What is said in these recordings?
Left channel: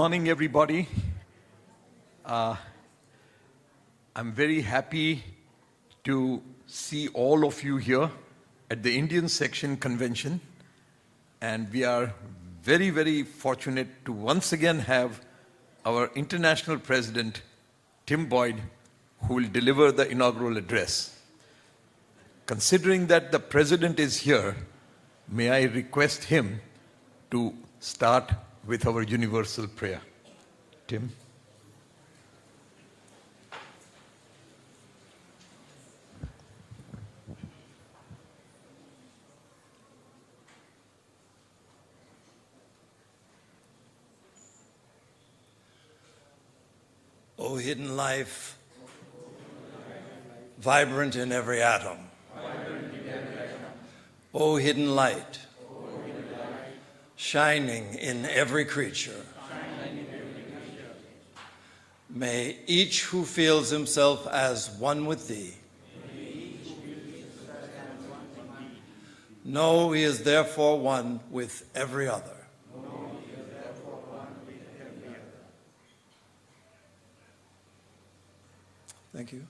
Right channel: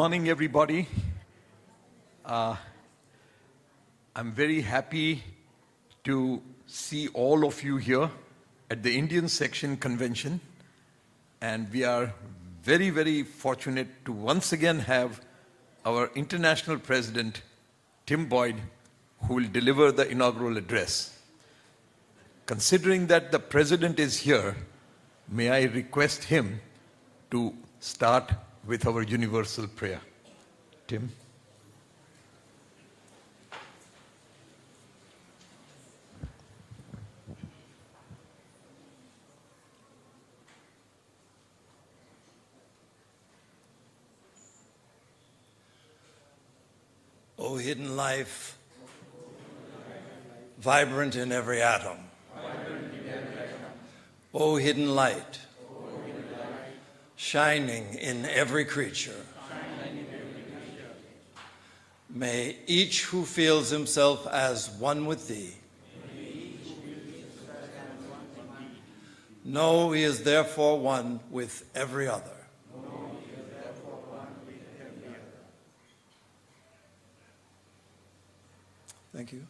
Morning, everybody. I'm very happy to see all of you here at the Indian Section Convention, and we are very, very fortunate to once again have our International President, Tim Boyd, who will deliver the inaugural address. Considering that the President is here, may I request him to start with our universal prayer. Tim. O hidden life, vibrant in every atom. O hidden light, shining in every creature. May each who feels himself as one with thee know he is therefore one with every other. Thank you.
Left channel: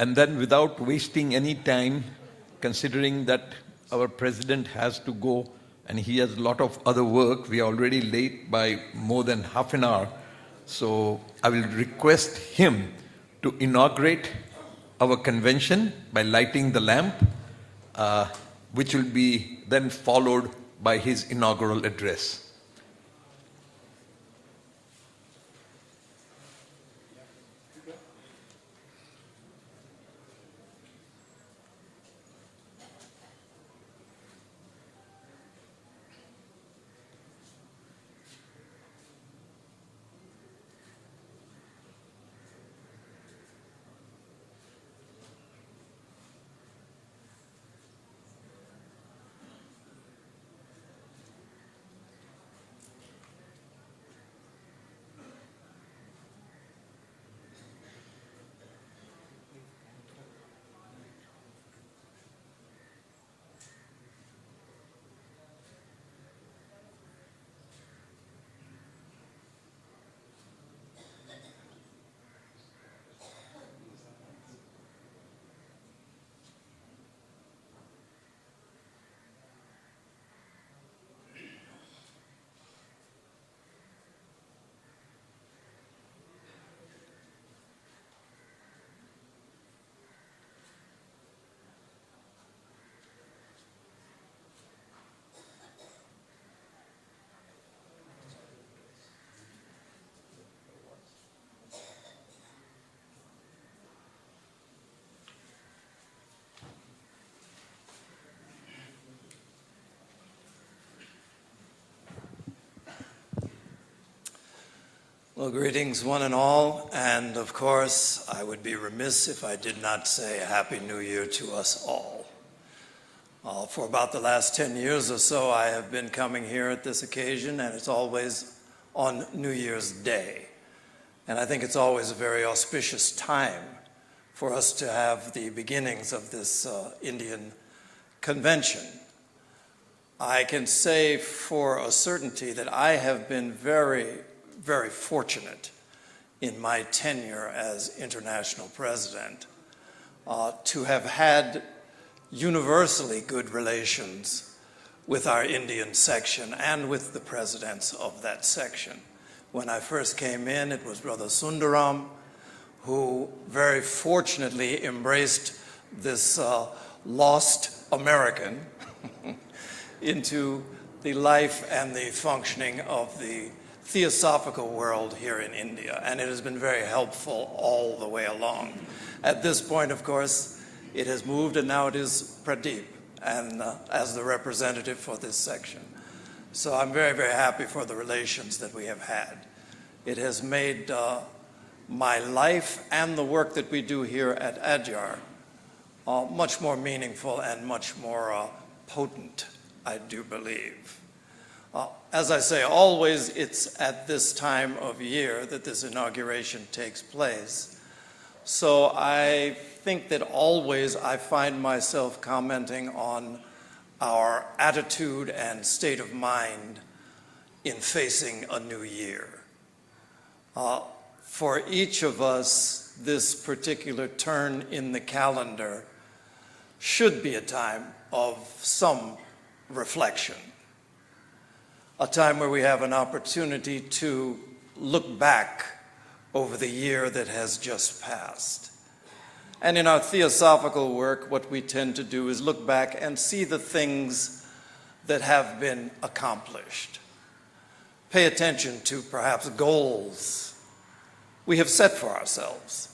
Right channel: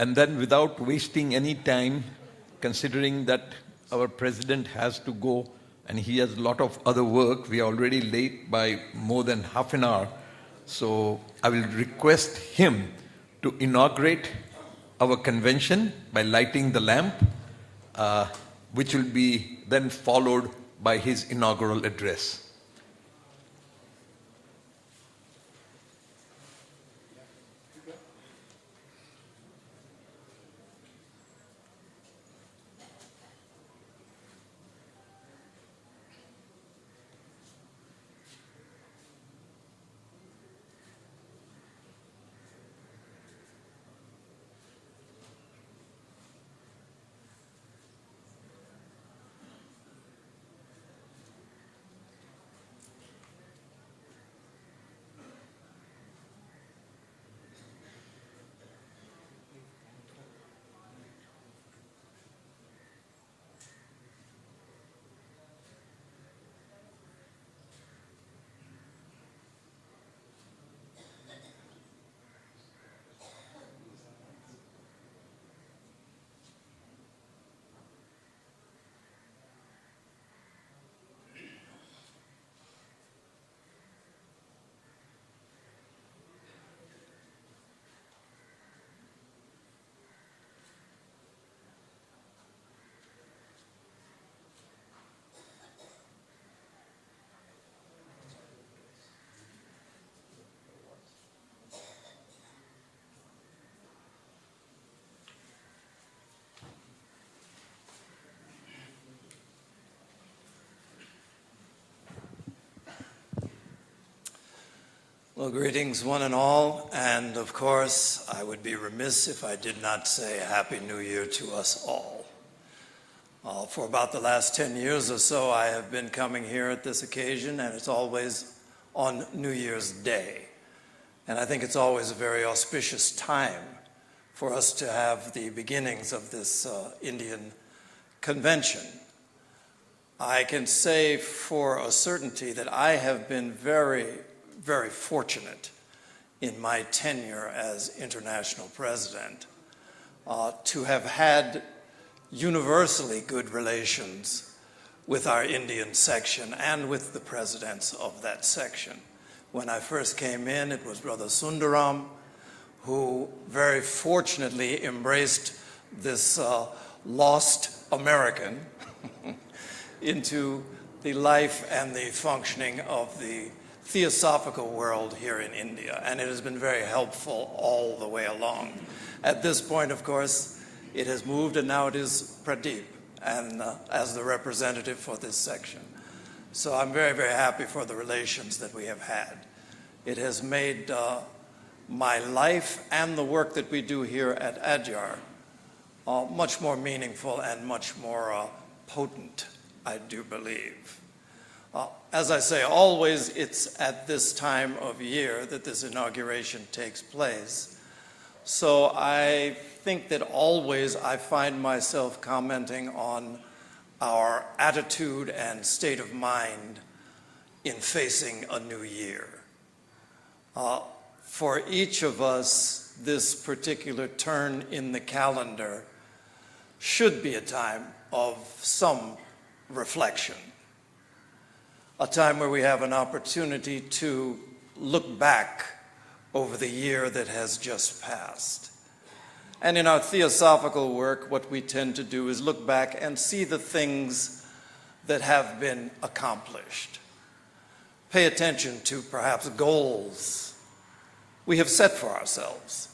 And then, without wasting any time, considering that our President has to go and he has a lot of other work, we are already late by more than half an hour. So I will request him to inaugurate our convention by lighting the lamp, which will be then followed by his inaugural address. Well, greetings one and all, and of course, I would be remiss if I did not say a Happy New Year to us all. For about the last 10 years or so, I have been coming here at this occasion, and it's always on New Year's Day. And I think it's always a very auspicious time for us to have the beginnings of this Indian convention. I can say for a certainty that I have been very fortunate in my tenure as international president to have had universally good relations with our Indian section and with the presidents of that section. When I first came in, it was Brother Sundaram, who very fortunately embraced this lost American into the life and the functioning of the theosophical world here in India, and it has been very helpful all the way along. At this point, of course, it has moved, and now it is Pradeep, and as the representative for this section. So I'm very happy for the relations that we have had. It has made my life and the work that we do here at Adyar much more meaningful and much more potent, I do believe. As I say, always it's at this time of year that this inauguration takes place. So I think that always I find myself commenting on our attitude and state of mind in facing a new year. For each of us, this particular turn in the calendar should be a time of some reflection, a time where we have an opportunity to look back over the year that has just passed. And in our theosophical work, what we tend to do is look back and see the things that have been accomplished. Pay attention to perhaps goals we have set for ourselves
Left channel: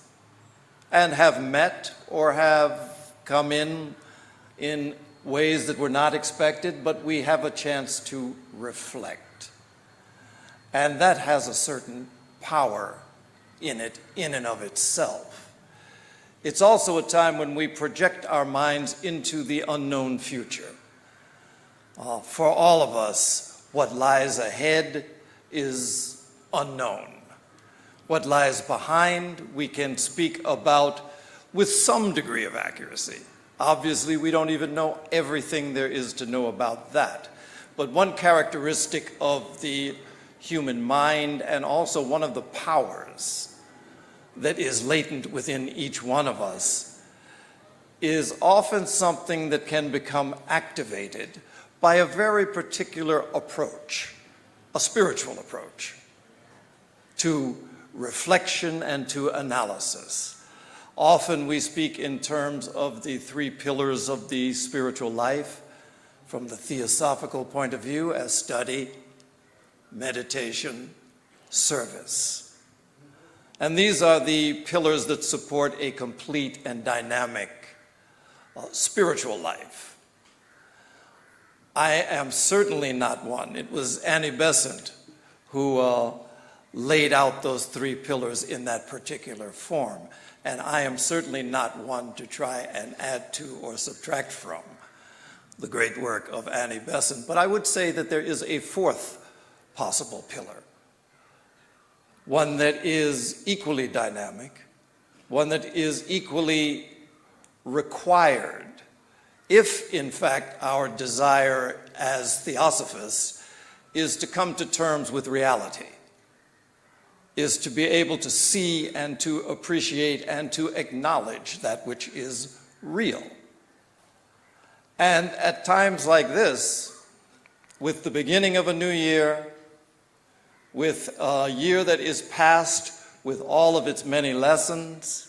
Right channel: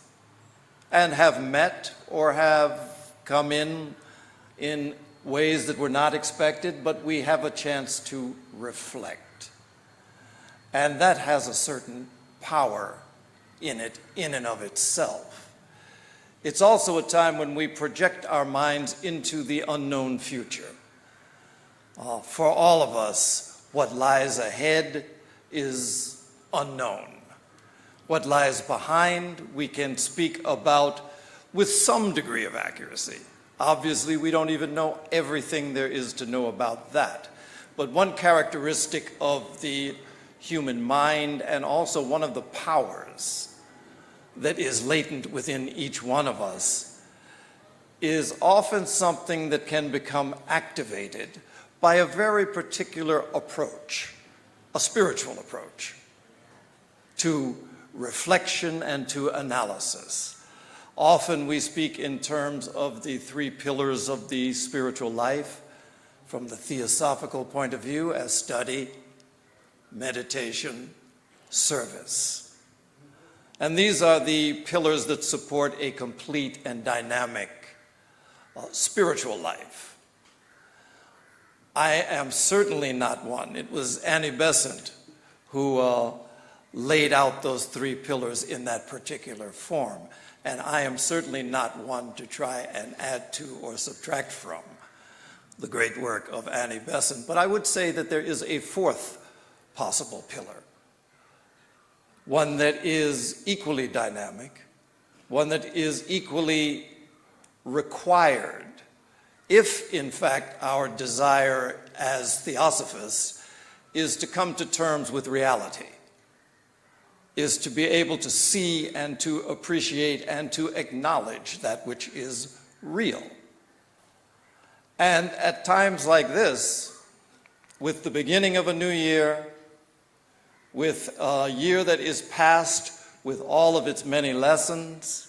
and have met or have come in ways that were not expected, but we have a chance to reflect. And that has a certain power in it, in and of itself. It's also a time when we project our minds into the unknown future. For all of us, what lies ahead is unknown. What lies behind, we can speak about with some degree of accuracy. Obviously, we don't even know everything there is to know about that. But one characteristic of the human mind, and also one of the powers that is latent within each one of us, is often something that can become activated by a very particular approach, a spiritual approach, to reflection and to analysis. Often we speak in terms of the three pillars of the spiritual life from the theosophical point of view as study, meditation, service. And these are the pillars that support a complete and dynamic spiritual life. I am certainly not one. It was Annie Besant who laid out those three pillars in that particular form. And I am certainly not one to try and add to or subtract from the great work of Annie Besant. But I would say that there is a fourth possible pillar, one that is equally dynamic, one that is equally required, if in fact our desire as theosophists is to come to terms with reality, is to be able to see and to appreciate and to acknowledge that which is real. And at times like this, with the beginning of a new year, with a year that is past with all of its many lessons,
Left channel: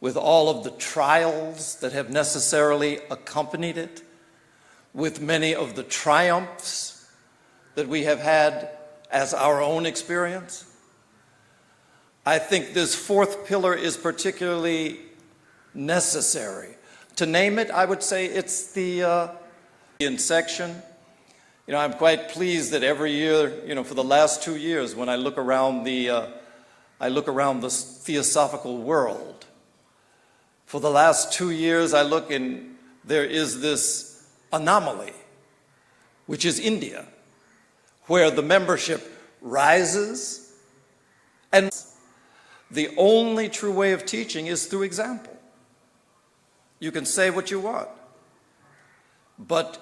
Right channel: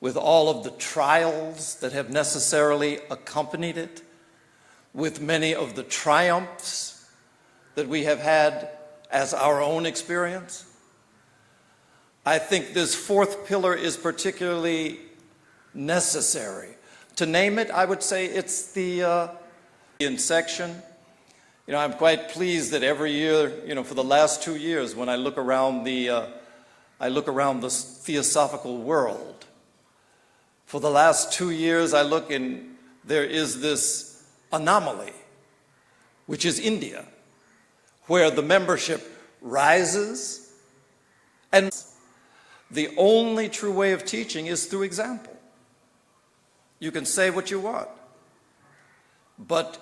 with all of the trials that have necessarily accompanied it, with many of the triumphs that we have had as our own experience, I think this fourth pillar is particularly necessary. To name it, I would say it's the section. I'm quite pleased that every year, for the last 2 years, when I look around the theosophical world, for the last 2 years, I look and there is this anomaly, which is India, where the membership rises, and the only true way of teaching is through example. You can say what you want, but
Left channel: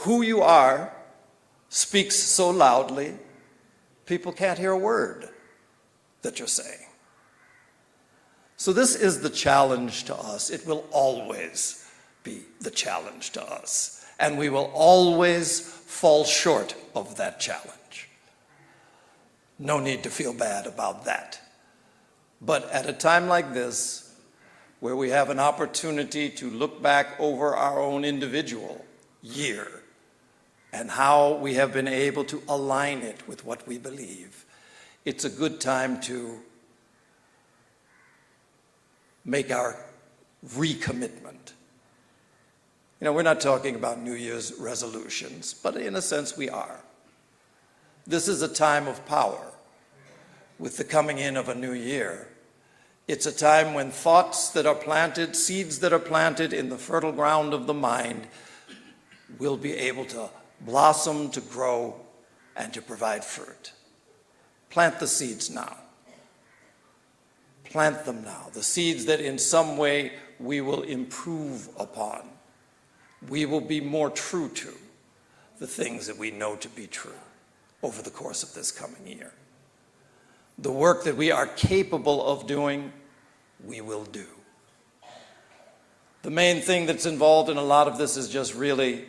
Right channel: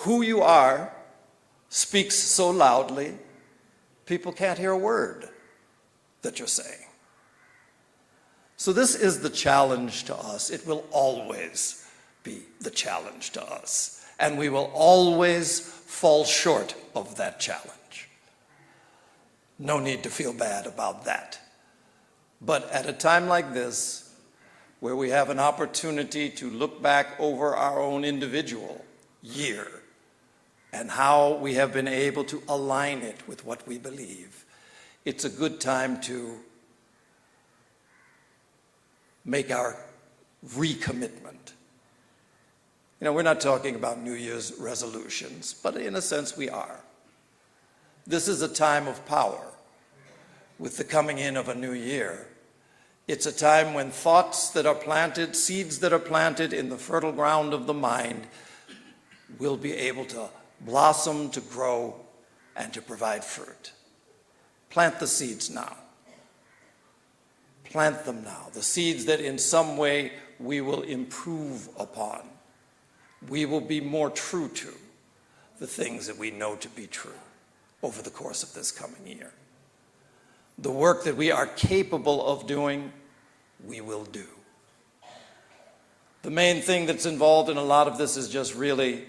who you are speaks so loudly, people can't hear a word that you're saying. So this is the challenge to us. It will always be the challenge to us, and we will always fall short of that challenge. No need to feel bad about that. But at a time like this, where we have an opportunity to look back over our own individual year and how we have been able to align it with what we believe, it's a good time to make our recommitment. We're not talking about New Year's resolutions, but in a sense we are. This is a time of power with the coming in of a new year. It's a time when thoughts that are planted, seeds that are planted in the fertile ground of the mind will be able to blossom, to grow, and to provide fruit. Plant the seeds now. plant them now, the seeds that in some way we will improve upon. We will be more true to the things that we know to be true over the course of this coming year. The work that we are capable of doing, we will do. The main thing that's involved in a lot of this is just really,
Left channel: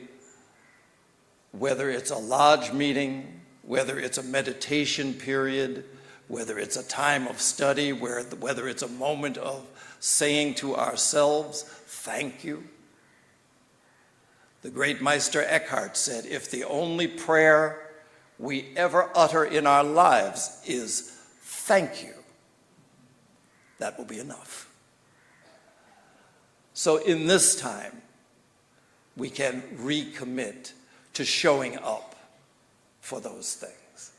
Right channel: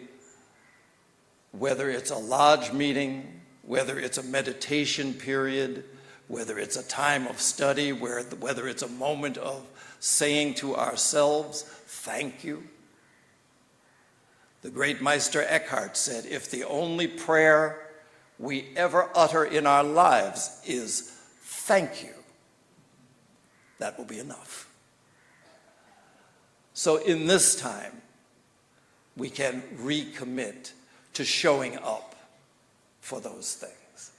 whether it's a lodge meeting, whether it's a meditation period, whether it's a time of study, whether it's a moment of saying to ourselves, thank you. The great Meister Eckhart said, if the only prayer we ever utter in our lives is thank you, that will be enough. So in this time, we can recommit to showing up for those things.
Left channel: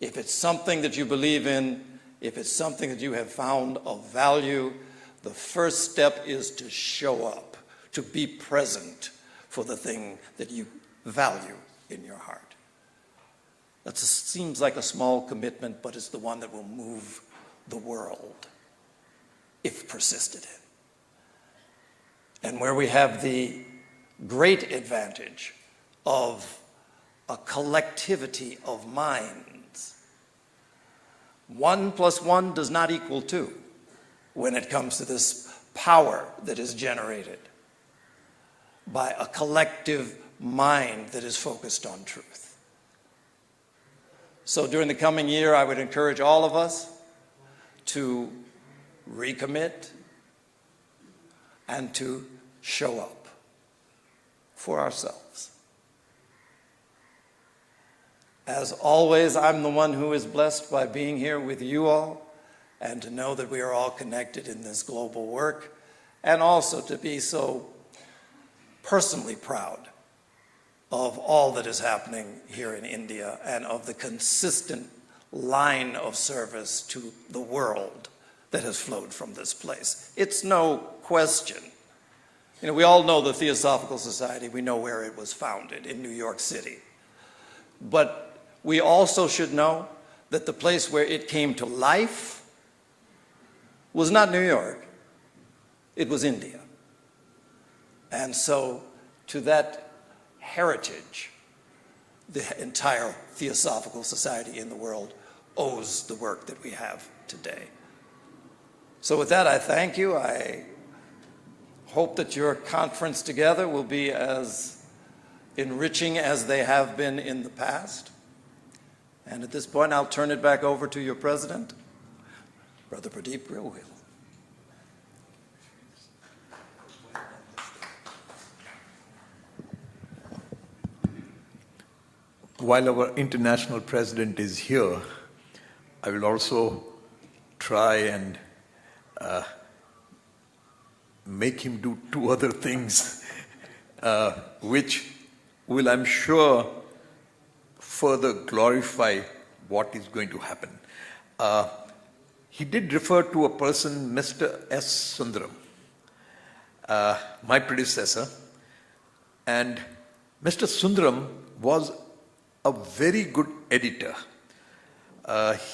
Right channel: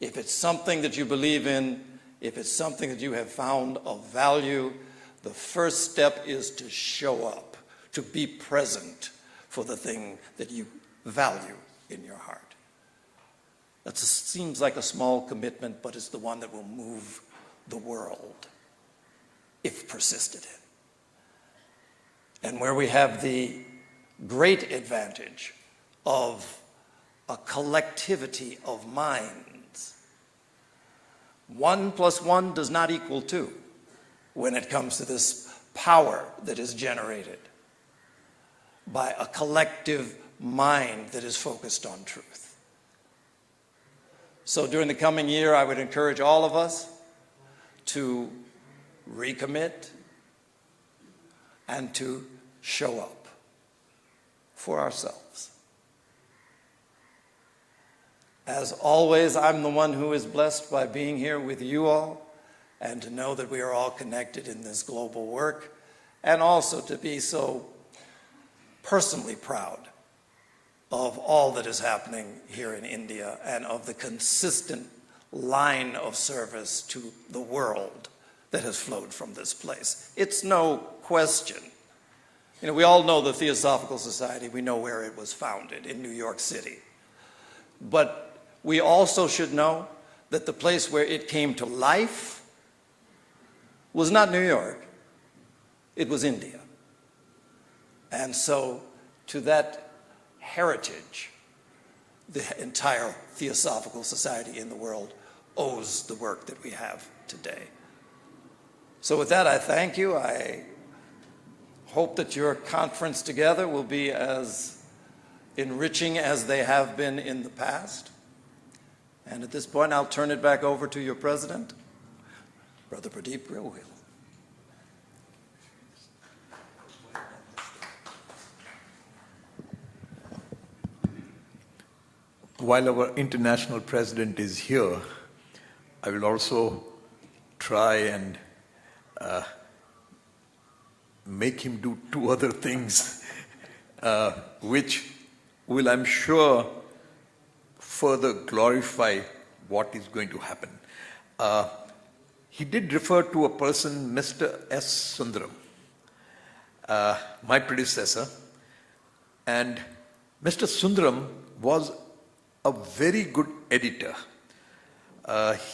If it's something that you believe in, if it's something that you have found of value, the first step is to show up, to be present for the thing that you value in your heart. That seems like a small commitment, but it's the one that will move the world if persisted in. And where we have the great advantage of a collectivity of minds, 1 + 1 does not equal 2 when it comes to this power that is generated by a collective mind that is focused on truth. So during the coming year, I would encourage all of us to recommit and to show up for ourselves. As always, I'm the one who is blessed by being here with you all and to know that we are all connected in this global work, and also to be so personally proud of all that is happening here in India and of the consistent line of service to the world that has flowed from this place. It's no question. You know, we all know the Theosophical Society. We know where it was founded, in New York City. But we also should know that the place where it came to life was not New York. It was India. And so to that heritage, the entire Theosophical Society in the world owes the work that we have today. So with that, I thank you. I hope that your conference together will be as enriching as they have been in the past. And at this point, I'll turn it back over to your president, Brother Pradeep Gohil. While our international president is here, I will also try and make him do 2 other things, which will, I'm sure, further glorify what is going to happen. He did refer to a person, Mr. S. Sundaram, my predecessor, and Mr. Sundaram was a very good editor.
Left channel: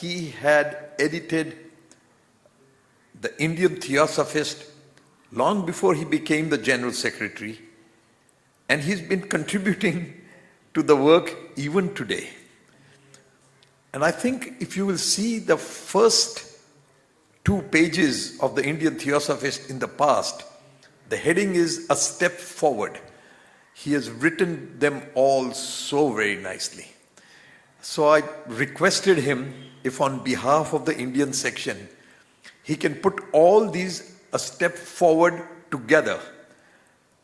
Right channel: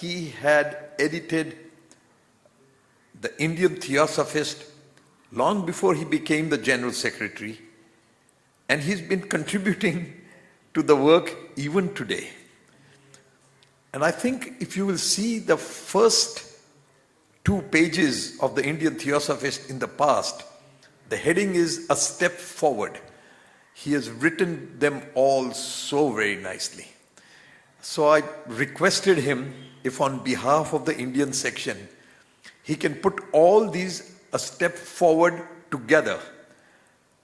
He had edited the Indian Theosophist long before he became the General Secretary, and he's been contributing to the work even today. And I think if you will see the first 2 pages of the Indian Theosophist in the past, the heading is A Step Forward. He has written them all so very nicely. So I requested him if on behalf of the Indian section, he can put all these A Step Forward together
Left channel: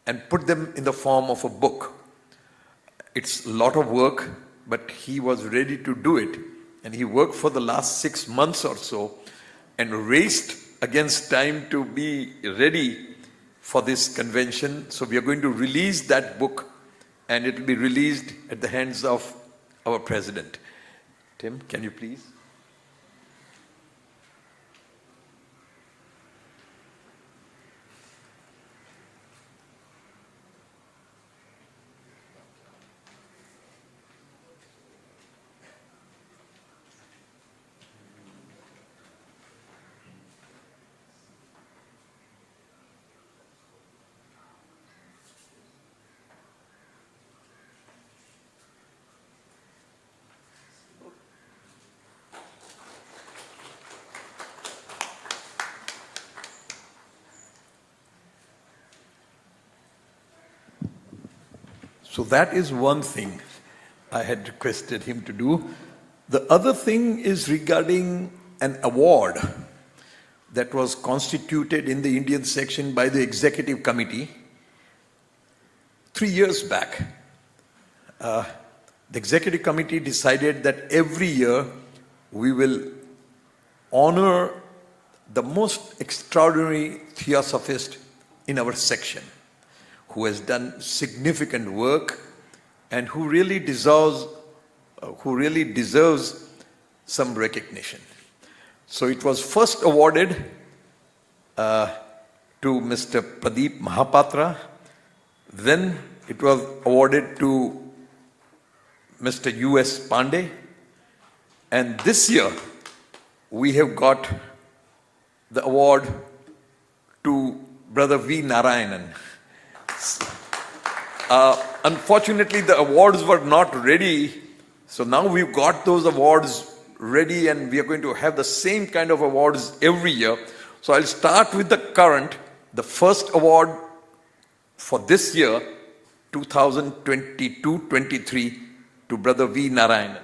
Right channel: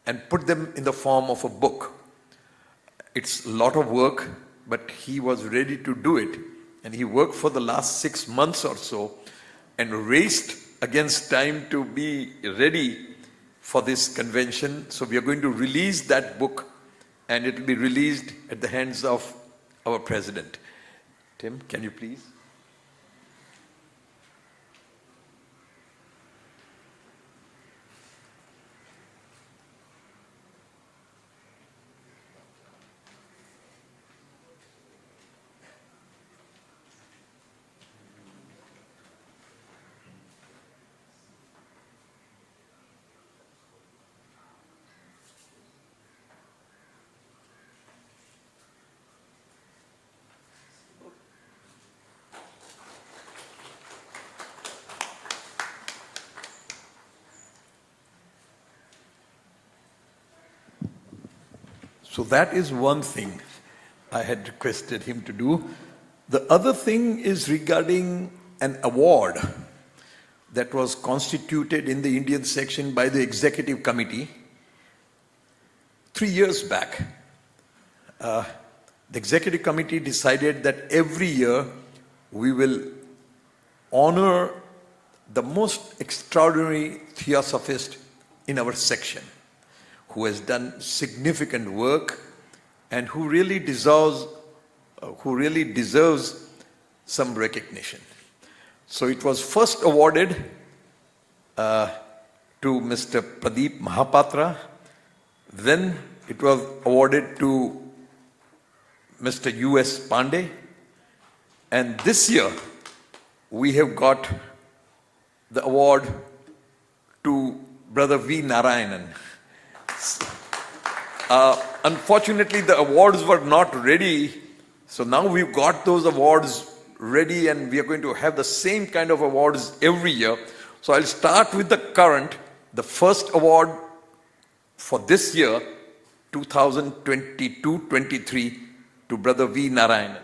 and put them in the form of a book. It's a lot of work, but he was ready to do it. And he worked for the last 6 months or so and raced against time to be ready for this convention. So we are going to release that book, and it will be released at the hands of our president. Tim, can you please? So that is one thing I had requested him to do. The other thing is regarding an award that was constituted in the Indian section by the executive committee 3 years back. The executive committee decided that every year we will honor the most extraordinary theosophist in our section, who has done significant work and who really deserves some recognition. So it was first awarded to Mr. Pradeep Mahapatra. Then it was awarded to Mr. U.S. Pandey. And this year we have got the award to Brother V. Narayanan. Unfortunately, the awards were not ready. So now we've got those awards ready and we are going to have the same kind of awards every year. So I'll start with the current. The first award for this year, 2022-23, to Brother V. Narayanan.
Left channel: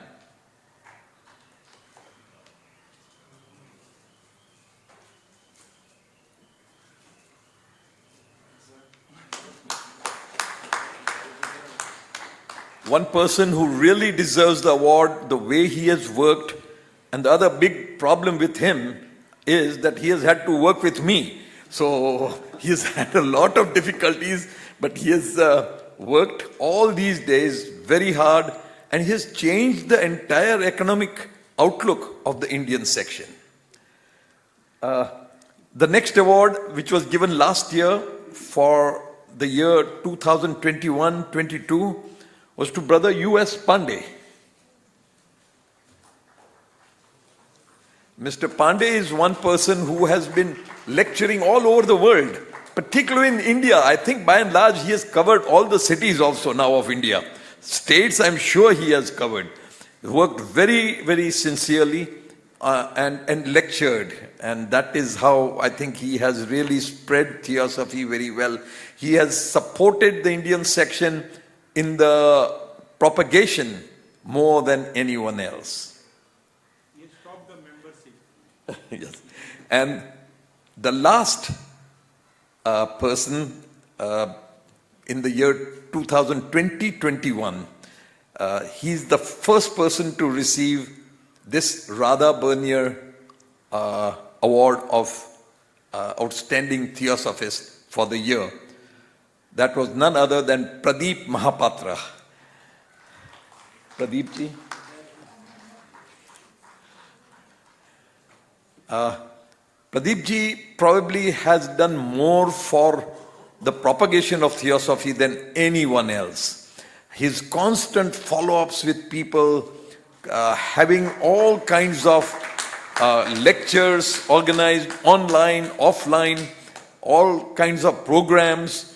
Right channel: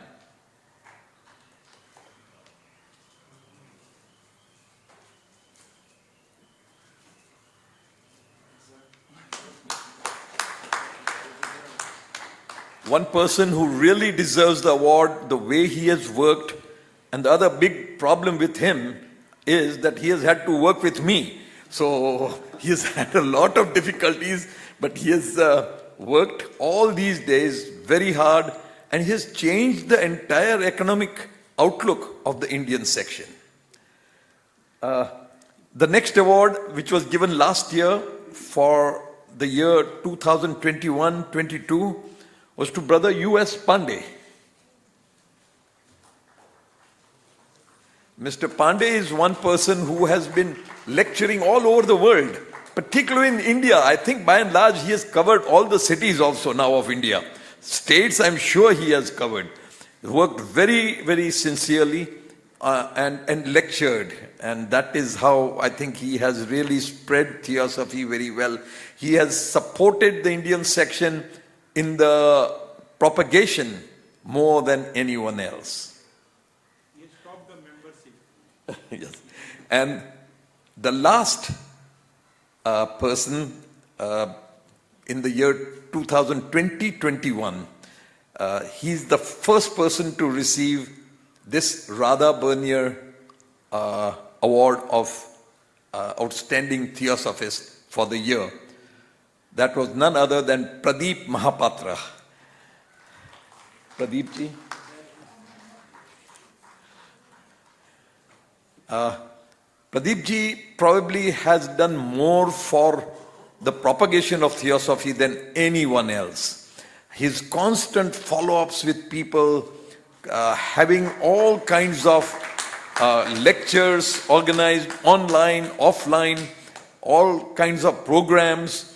One person who really deserves the award, the way he has worked, and the other big problem with him is that he has had to work with me. So he has had a lot of difficulties, but he has worked all these days very hard, and he has changed the entire economic outlook of the Indian section. The next award, which was given last year for the year 2021-22, was to Brother U.S. Pandey. Mr. Pandey is one person who has been lecturing all over the world, particularly in India. I think by and large he has covered all the cities also now of India. States, I'm sure he has covered. He worked very, very sincerely and lectured. And that is how I think he has really spread theosophy very well. He has supported the Indian section in the propagation more than anyone else. He stopped the membership. Yes. And the last person in the year 2020-21, he's the first person to receive this Radha Bernier Award of Outstanding Theosophist for the year. That was none other than Pradeep Mahapatra. Pradeep ji. Pradeep ji probably has done more for the propagation of theosophy than anyone else. His constant follow-ups with people, having all kinds of lectures organized online, offline, all kinds of programs.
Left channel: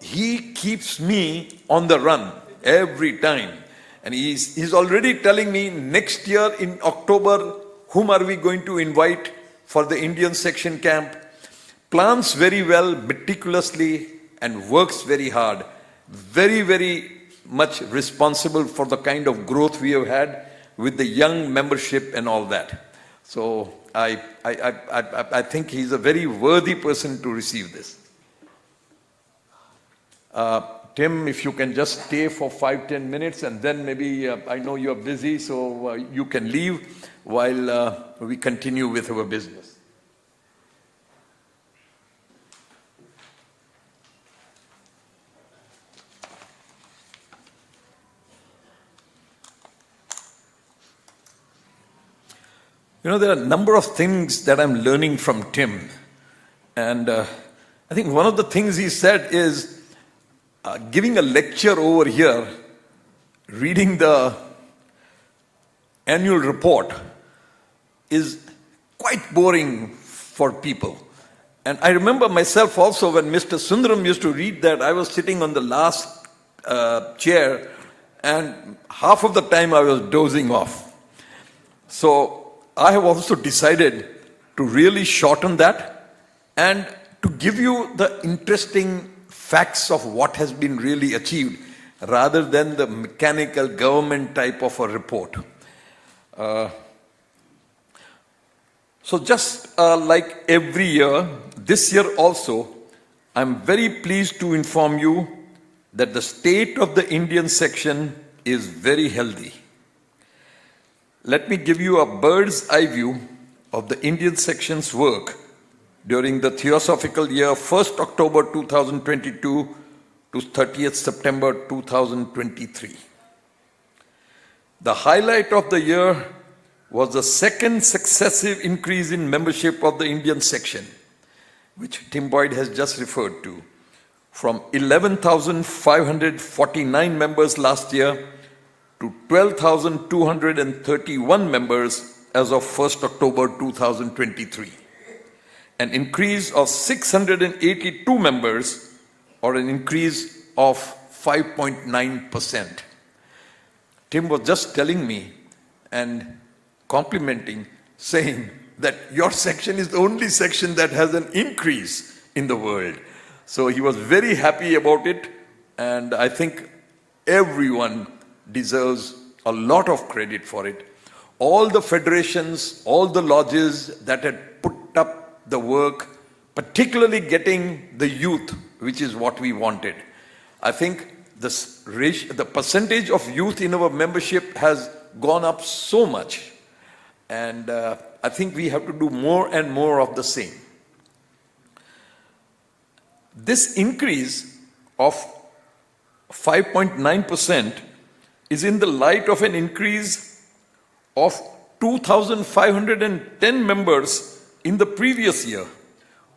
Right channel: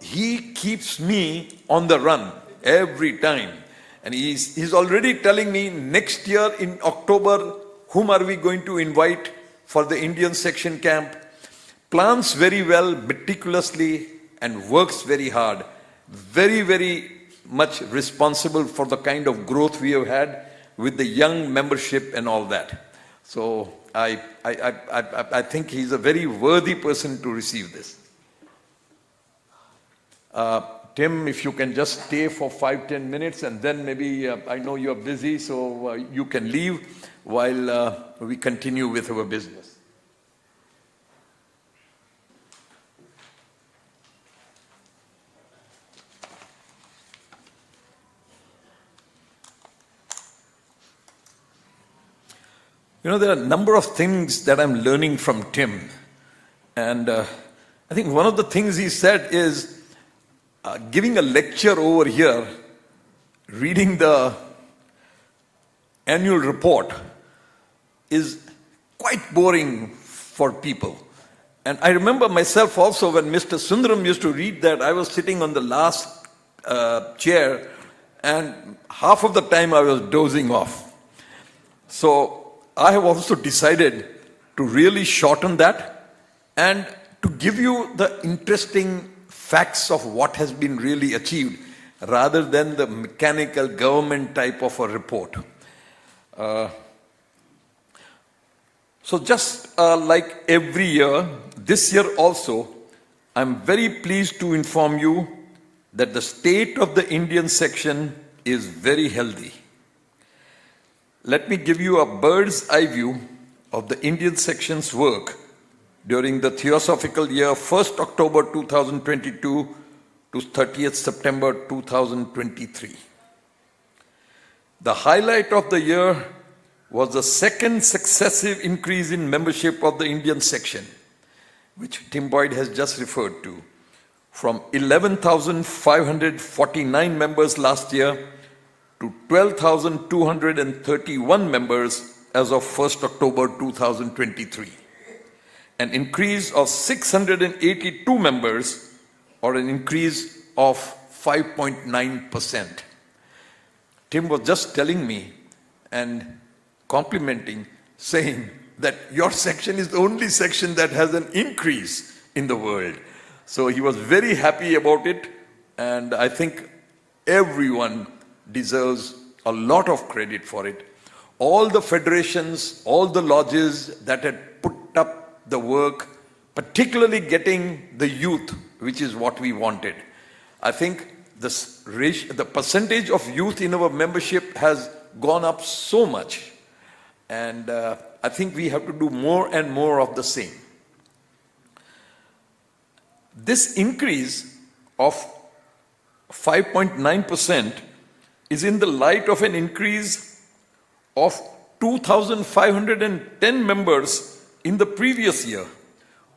He keeps me on the run every time. And he's already telling me next year in October, whom are we going to invite for the Indian section camp? Plans very well, meticulously, and works very hard. Very, very much responsible for the kind of growth we have had with the young membership and all that. So I think he's a very worthy person to receive this. Tim, if you can just stay for 5-10 minutes and then maybe, I know you're busy, so you can leave while we continue with our business. You know, there are a number of things that I'm learning from Tim. And I think one of the things he said is, giving a lecture over here, reading the annual report is quite boring for people. And I remember myself also when Mr. Sundaram used to read that, I was sitting on the last chair and half of the time I was dozing off. So I have also decided to really shorten that and to give you the interesting facts of what has been really achieved. rather than the mechanical government type of a report. So just like every year, this year also, I'm very pleased to inform you that the state of the Indian section is very healthy. Let me give you a bird's eye view of the Indian section's work during the Theosophical year 1st October 2022 to 30th September 2023. The highlight of the year was the second successive increase in membership of the Indian section, which Tim Boyd has just referred to, from 11,549 members last year to 12,231 members as of 1st October 2023, an increase of 682 members, or an increase of 5.9%. Tim was just telling me and complimenting, saying that your section is the only section that has an increase in the world. So he was very happy about it, and I think everyone deserves a lot of credit for it. All the federations, all the lodges that had put up the work, particularly getting the youth, which is what we wanted. I think the percentage of youth in our membership has gone up so much. And I think we have to do more and more of the same. This increase of 5.9% is in the light of an increase of 2,510 members in the previous year,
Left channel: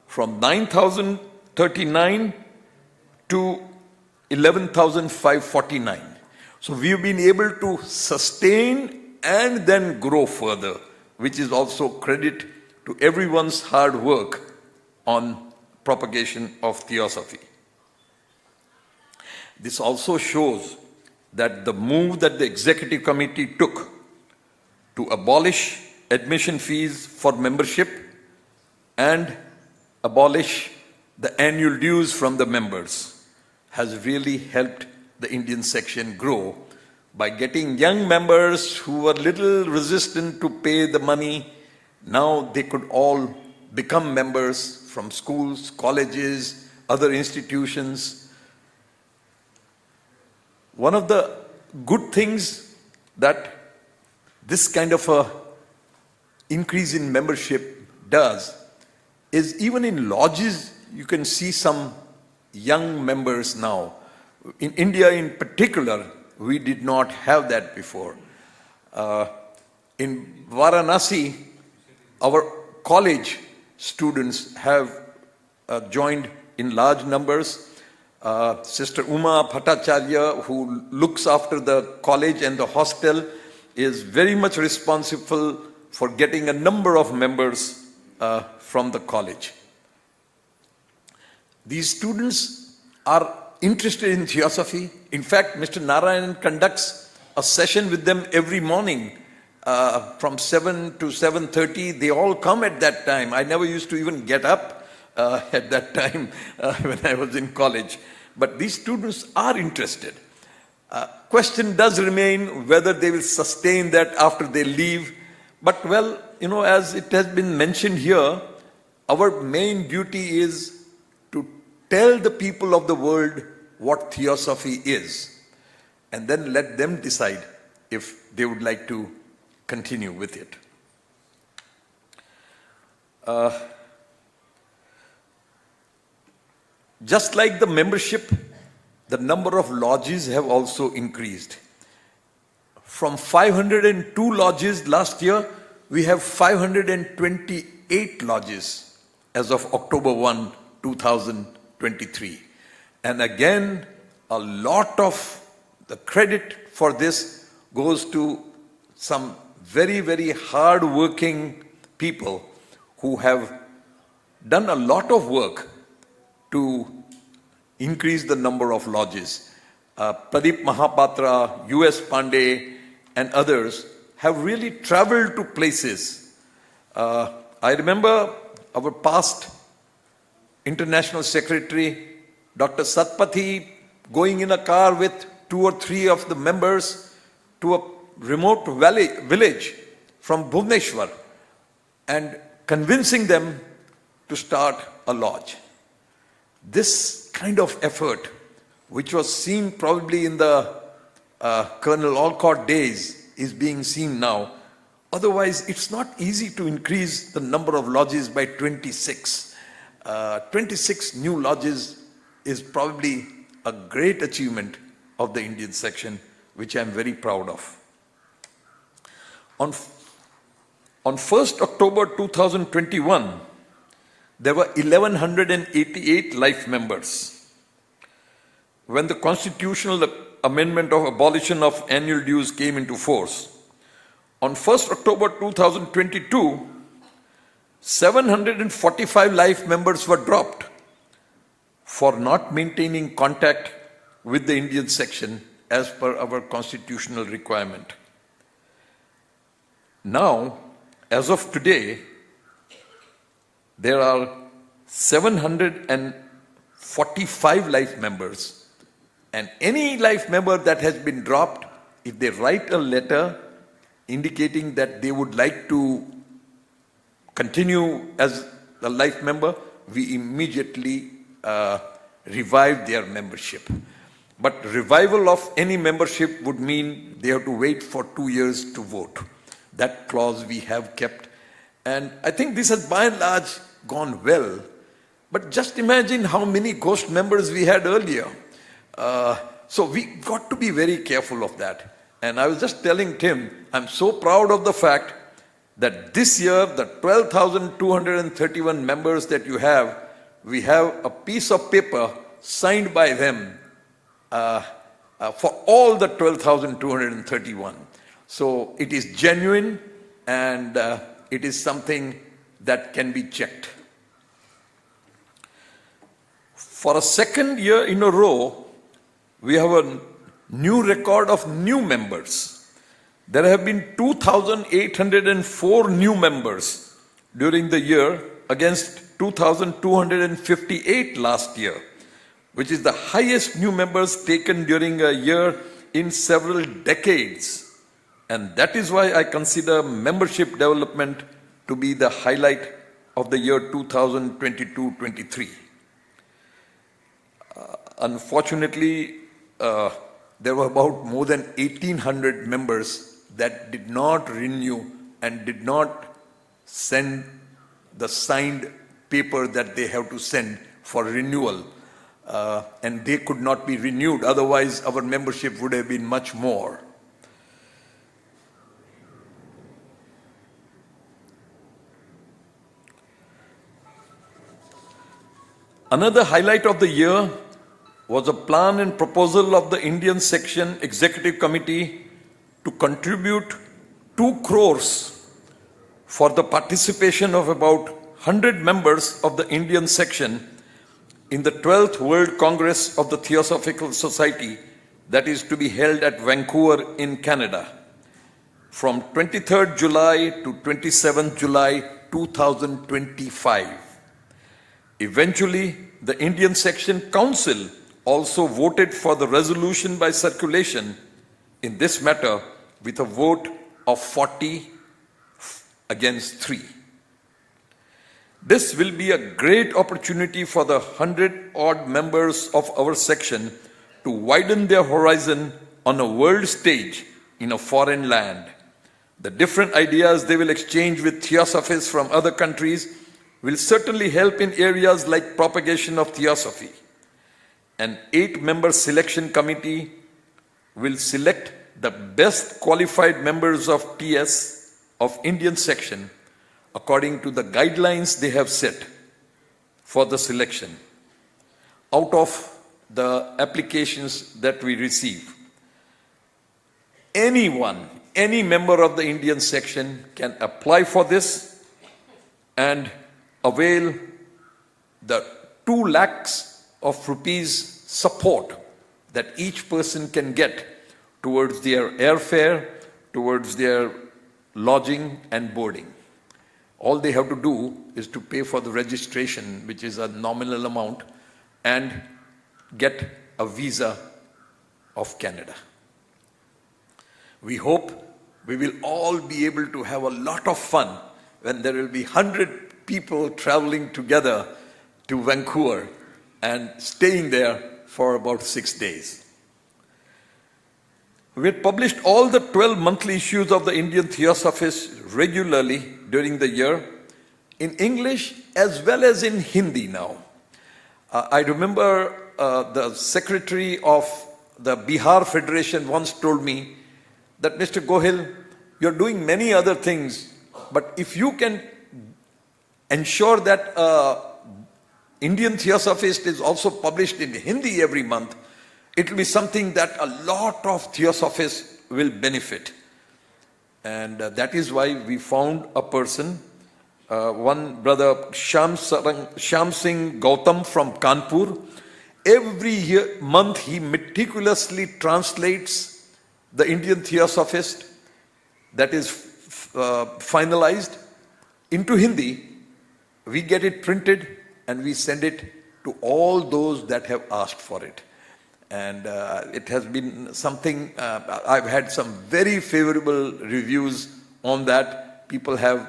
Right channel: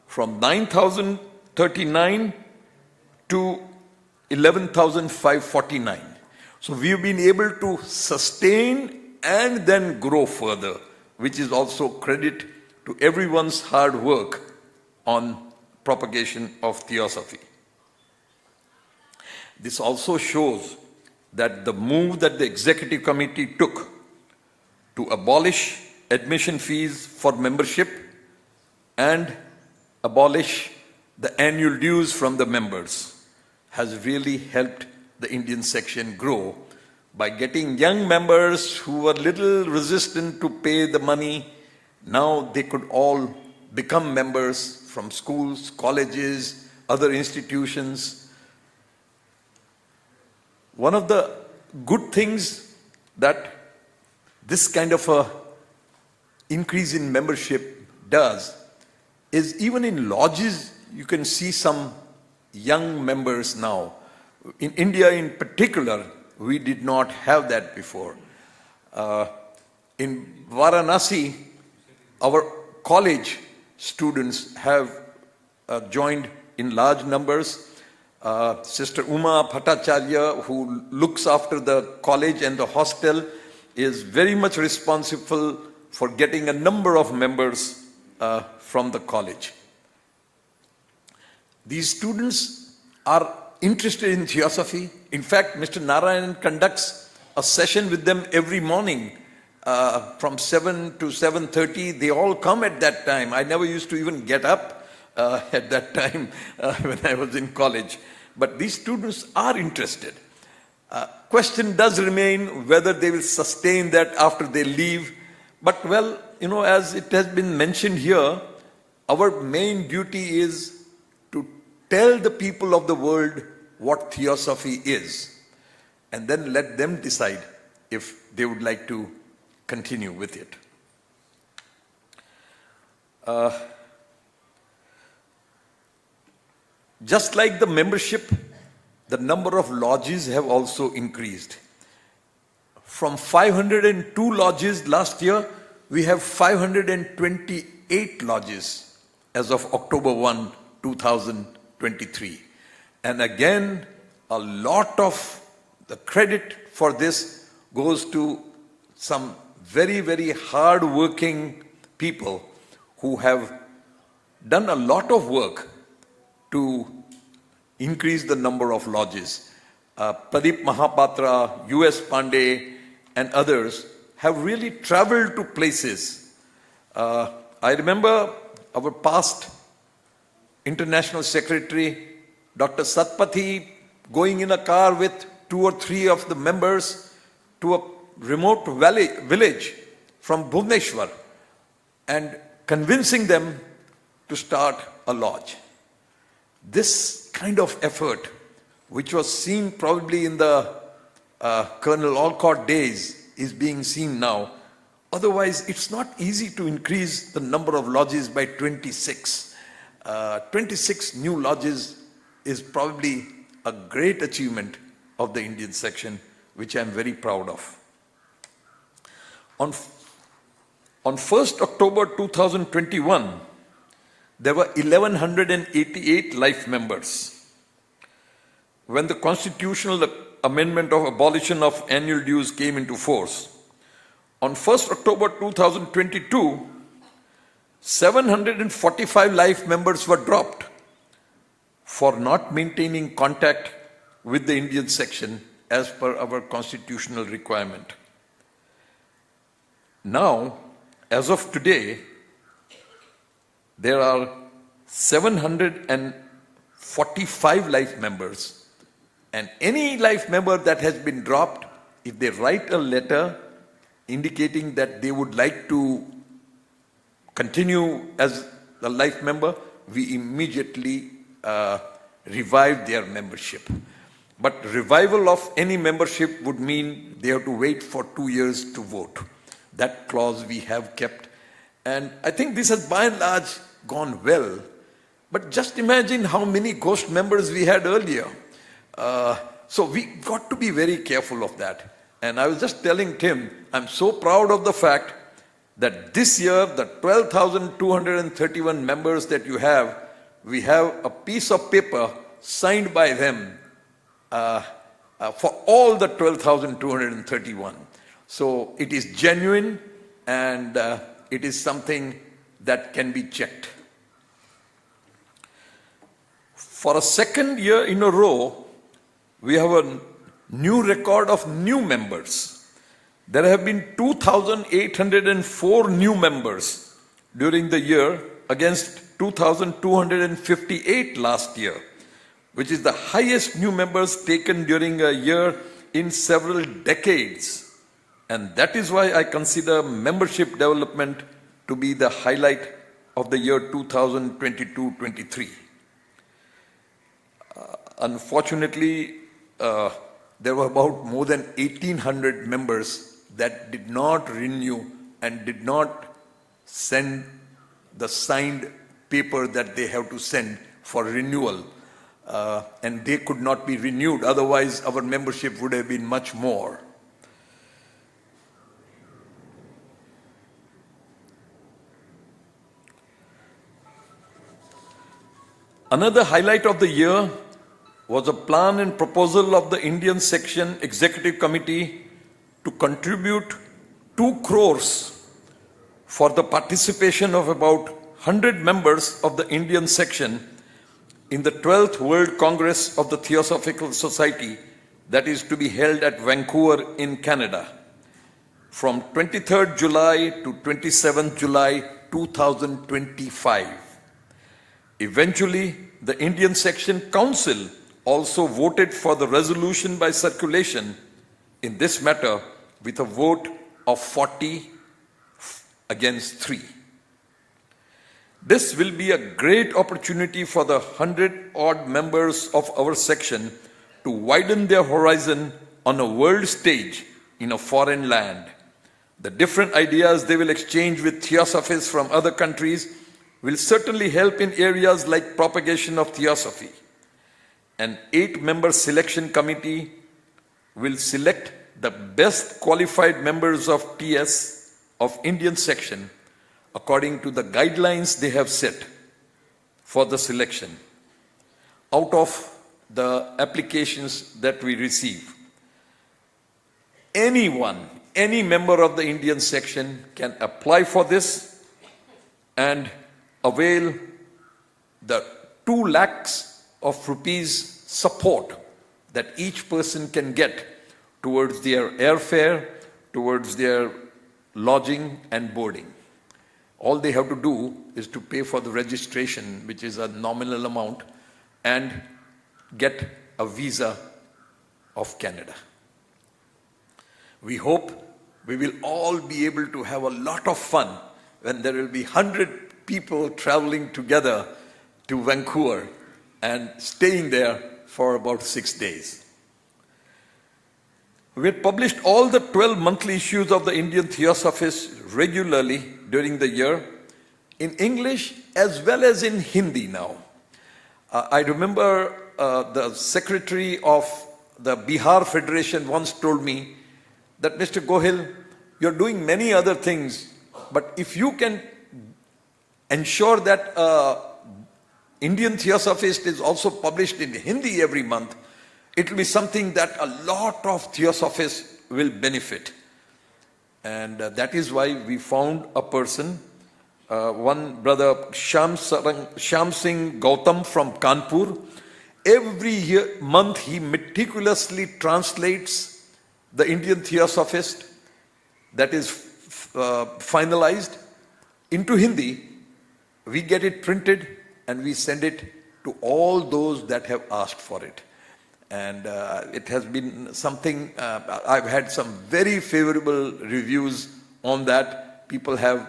from 9,039 to 11,549. So we've been able to sustain and then grow further, which is also credit to everyone's hard work on propagation of theosophy. This also shows that the move that the executive committee took to abolish admission fees for membership and abolish the annual dues from the members has really helped the Indian section grow by getting young members who were little resistant to pay the money. Now they could all become members from schools, colleges, other institutions. One of the good things that this kind of a increase in membership does is even in lodges, you can see some young members now. In India in particular, we did not have that before. In Varanasi, our college students have joined in large numbers. Sister Uma Bhattacharya, who looks after the college and the hostel, is very much responsible for getting a number of members from the college. These students are interested in theosophy. In fact, Mr. Narayan conducts a session with them every morning from 7 to 7:30. They all come at that time. I never used to even get up at that time when I was in college. But these students are interested. Question does remain whether they will sustain that after they leave. But well, you know, as it has been mentioned here, our main duty is to tell the people of the world what theosophy is, and then let them decide if they would like to continue with it. Just like the membership, the number of lodges have also increased. From 502 lodges last year, we have 528 lodges as of October 1, 2023. And again, a lot of the credit for this goes to some very, very hard-working people who have done a lot of work to increase the number of lodges. Pradeep Mahapatra, U.S. Pandey, and others have really traveled to places. I remember our past International Secretary, Dr. Satpathy, going in a car with 2 or 3 of the members to a remote village from Bhubaneswar and convincing them to start a lodge. This kind of effort, which was seen probably in the Colonel Olcott days, is being seen now. Otherwise, it's not easy to increase the number of lodges by 26. 26 new lodges is probably a great achievement of the Indian section, which I'm very proud of. On 1st October 2021, there were 1,188 life members. When the constitutional amendment of abolition of annual dues came into force, on 1st October 2022, 745 life members were dropped for not maintaining contact with the Indian section as per our constitutional requirement. Now, as of today, there are 745 life members, and any life member that has been dropped, if they write a letter indicating that they would like to continue as a life member, we immediately revive their membership. But revival of any membership would mean they have to wait for 2 years to vote. That clause we have kept. And I think this has by and large gone well. But just imagine how many ghost members we had earlier. So we got to be very careful of that. And I was just telling Tim, I'm so proud of the fact that this year, the 12,231 members that you have, we have a piece of paper signed by them for all the 12,231. So it is genuine, and it is something that can be checked. For a second year in a row, we have a new record of new members. There have been 2,804 new members during the year against 2,258 last year, which is the highest new members taken during a year in several decades. And that is why I consider membership development to be the highlight of the year 2022-23. Unfortunately, there were about more than 1,800 members that did not renew and did not send the signed paper that they have to send for renewal. And they could not be renewed. Otherwise, our membership would have been much more. Another highlight of the year was a plan and proposal of the Indian Section Executive Committee to contribute 2 crores for the participation of about 100 members of the Indian section in the 12th World Congress of the Theosophical Society that is to be held at Vancouver in Canada from 23rd July to 27th July 2025. Eventually, the Indian Section Council also voted for the resolution by circulation in this matter with a vote of 40 against 3. This will be a great opportunity for the 100-odd members of our section to widen their horizon on a world stage in a foreign land. The different ideas they will exchange with theosophists from other countries will certainly help in areas like propagation of theosophy. An 8-member selection committee will select the best qualified members of TS of Indian section according to the guidelines they have set for the selection out of the applications that we receive. Anyone, any member of the Indian section can apply for this and avail the 2 lakhs of rupees support that each person can get towards their airfare, towards their lodging and boarding. All they have to do is to pay for the registration, which is a nominal amount, and get a visa of Canada. We hope we will all be able to have a lot of fun when there will be 100 people traveling together to Vancouver and staying there for about 6 days. We had published all the 12 monthly issues of the Indian Theosophist regularly during the year, in English as well as in Hindi now. I remember the secretary of the Bihar Federation once told me that, Mr. Gohil, you're doing many other things, but if you can ensure that Indian Theosophist is also published in Hindi every month, it will be something that a lot of Theosophists will benefit. And that is why we found a person, one brother, Sham Singh Gautam from Kanpur. Every month he meticulously translates the Indian Theosophist that is finalized into Hindi. We get it printed and we send it to all those that have asked for it. And it has been something, I've had some very favorable reviews on that. People have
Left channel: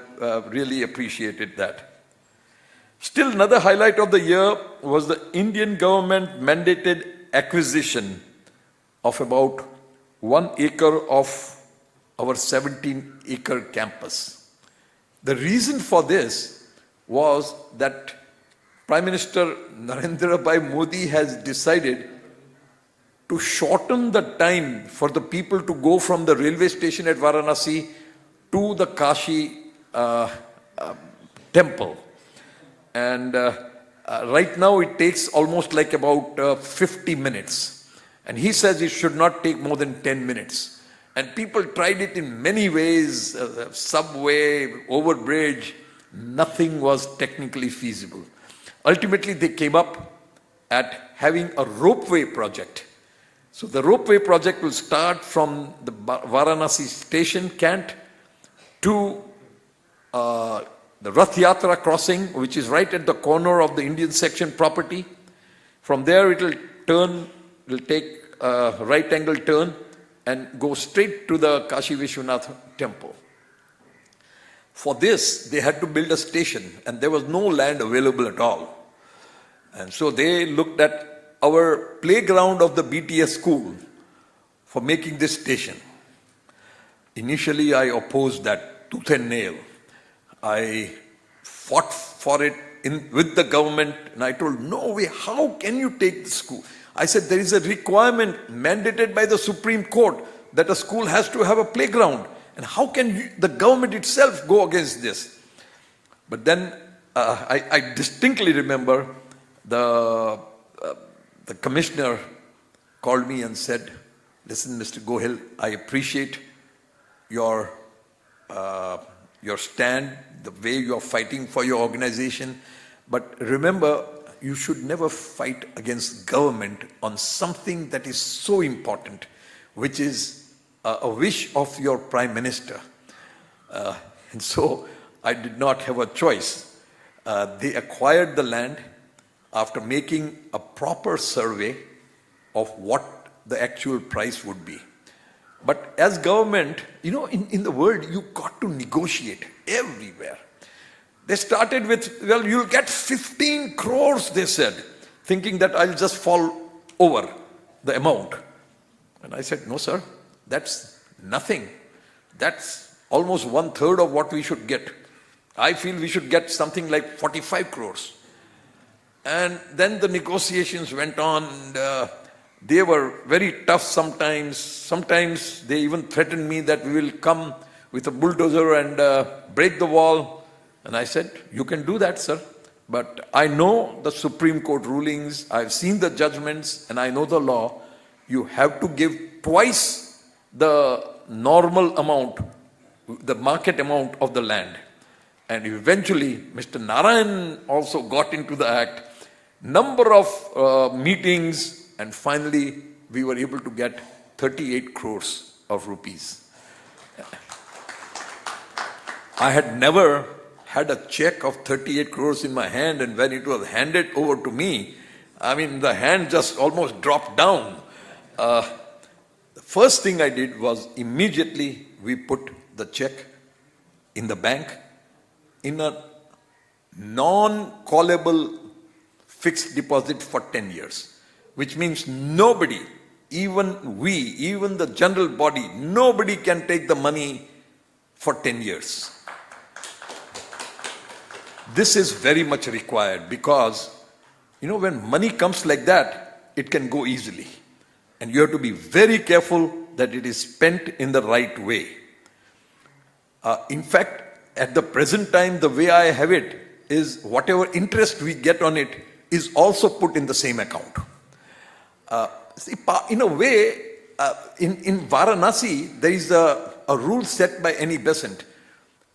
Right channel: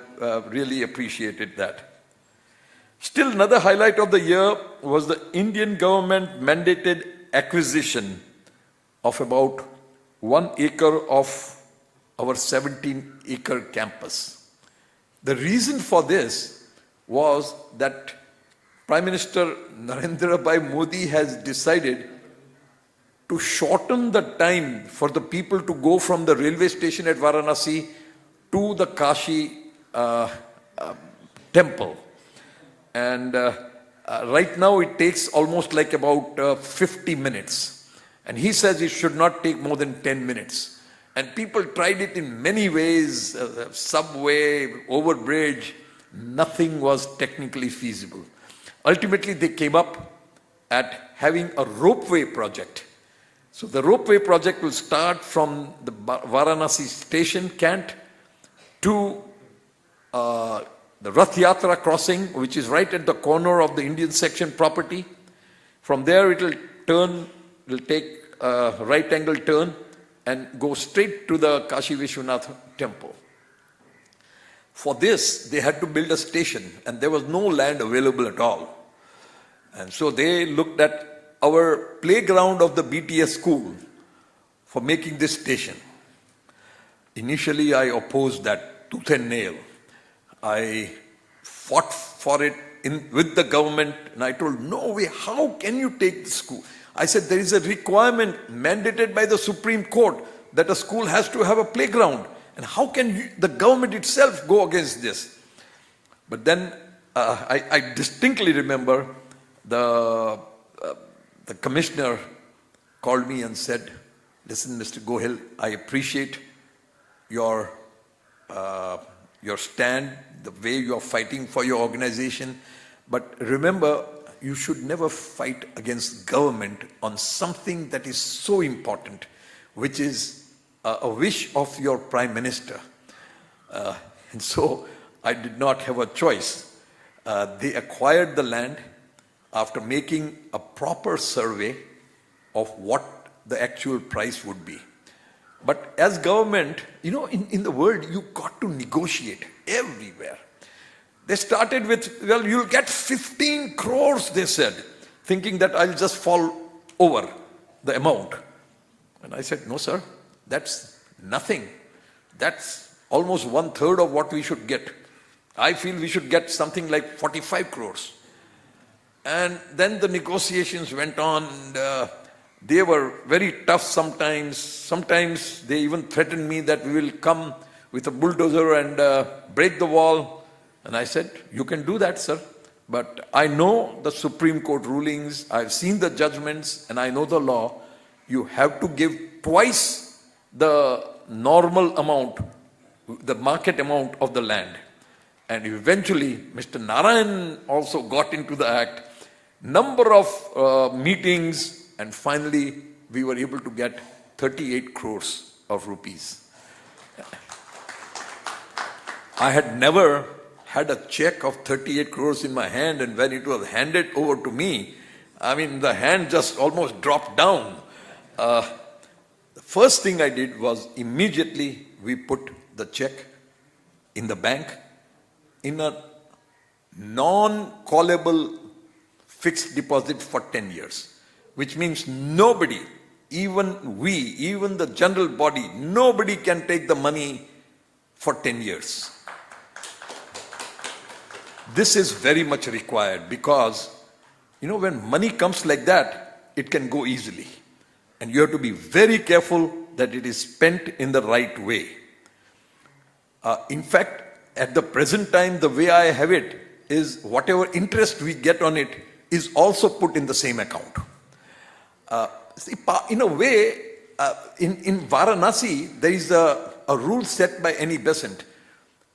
really appreciated that. Still, another highlight of the year was the Indian government mandated acquisition of about 1 acre of our 17-acre campus. The reason for this was that Prime Minister Narendra Bhai Modi has decided to shorten the time for the people to go from the railway station at Varanasi to the Kashi temple. And right now it takes almost like about 50 minutes. And he says it should not take more than 10 minutes. And people tried it in many ways, subway, overbridge. Nothing was technically feasible. Ultimately, they came up at having a ropeway project. So the ropeway project will start from the Varanasi station, Kant, to the Rath Yatra crossing, which is right at the corner of the Indian section property. From there, it will take a right angle turn and go straight to the Kashi Vishwanath temple. For this, they had to build a station, and there was no land available at all. And so they looked at our playground of the BTS school for making this station. Initially, I opposed that tooth and nail. I fought for it with the government, and I told, no way, how can you take the school? I said, there is a requirement mandated by the Supreme Court that a school has to have a playground. And how can the government itself go against this? But then I distinctly remember the commissioner called me and said, listen, Mr. Gohil, I appreciate your stand, the way you are fighting for your organization. But remember, you should never fight against government on something that is so important, which is a wish of your Prime Minister. And so I did not have a choice. They acquired the land after making a proper survey of what the actual price would be. But as government, you know, in the world, you got to negotiate everywhere. They started with, well, you'll get 15 crores, they said, thinking that I'll just fall over the amount. And I said, no, sir, that's nothing. That's almost 1/3 of what we should get. I feel we should get something like 45 crores. And then the negotiations went on. And, they were very tough sometimes. Sometimes they even threatened me that we will come with a bulldozer and break the wall. And I said, you can do that, sir. But I know the Supreme Court rulings, I've seen the judgments, and I know the law. You have to give twice the normal amount, the market amount of the land. And eventually, Mr. Narayan also got into the act. Number of meetings, and finally, we were able to get 38 crores of rupees. I had never had a check of 38 crores in my hand, and when it was handed over to me, I mean, the hand just almost dropped down. first thing I did was immediately we put the check in the bank in a non-callable fixed deposit for 10 years, which means nobody, even we, even the general body, nobody can take the money for 10 years. This is very much required because, when money comes like that, it can go easily. And you have to be very careful that it is spent in the right way. In fact, at the present time, the way I have it is whatever interest we get on it is also put in the same account. In a way, in Varanasi, there is a rule set by Annie Besant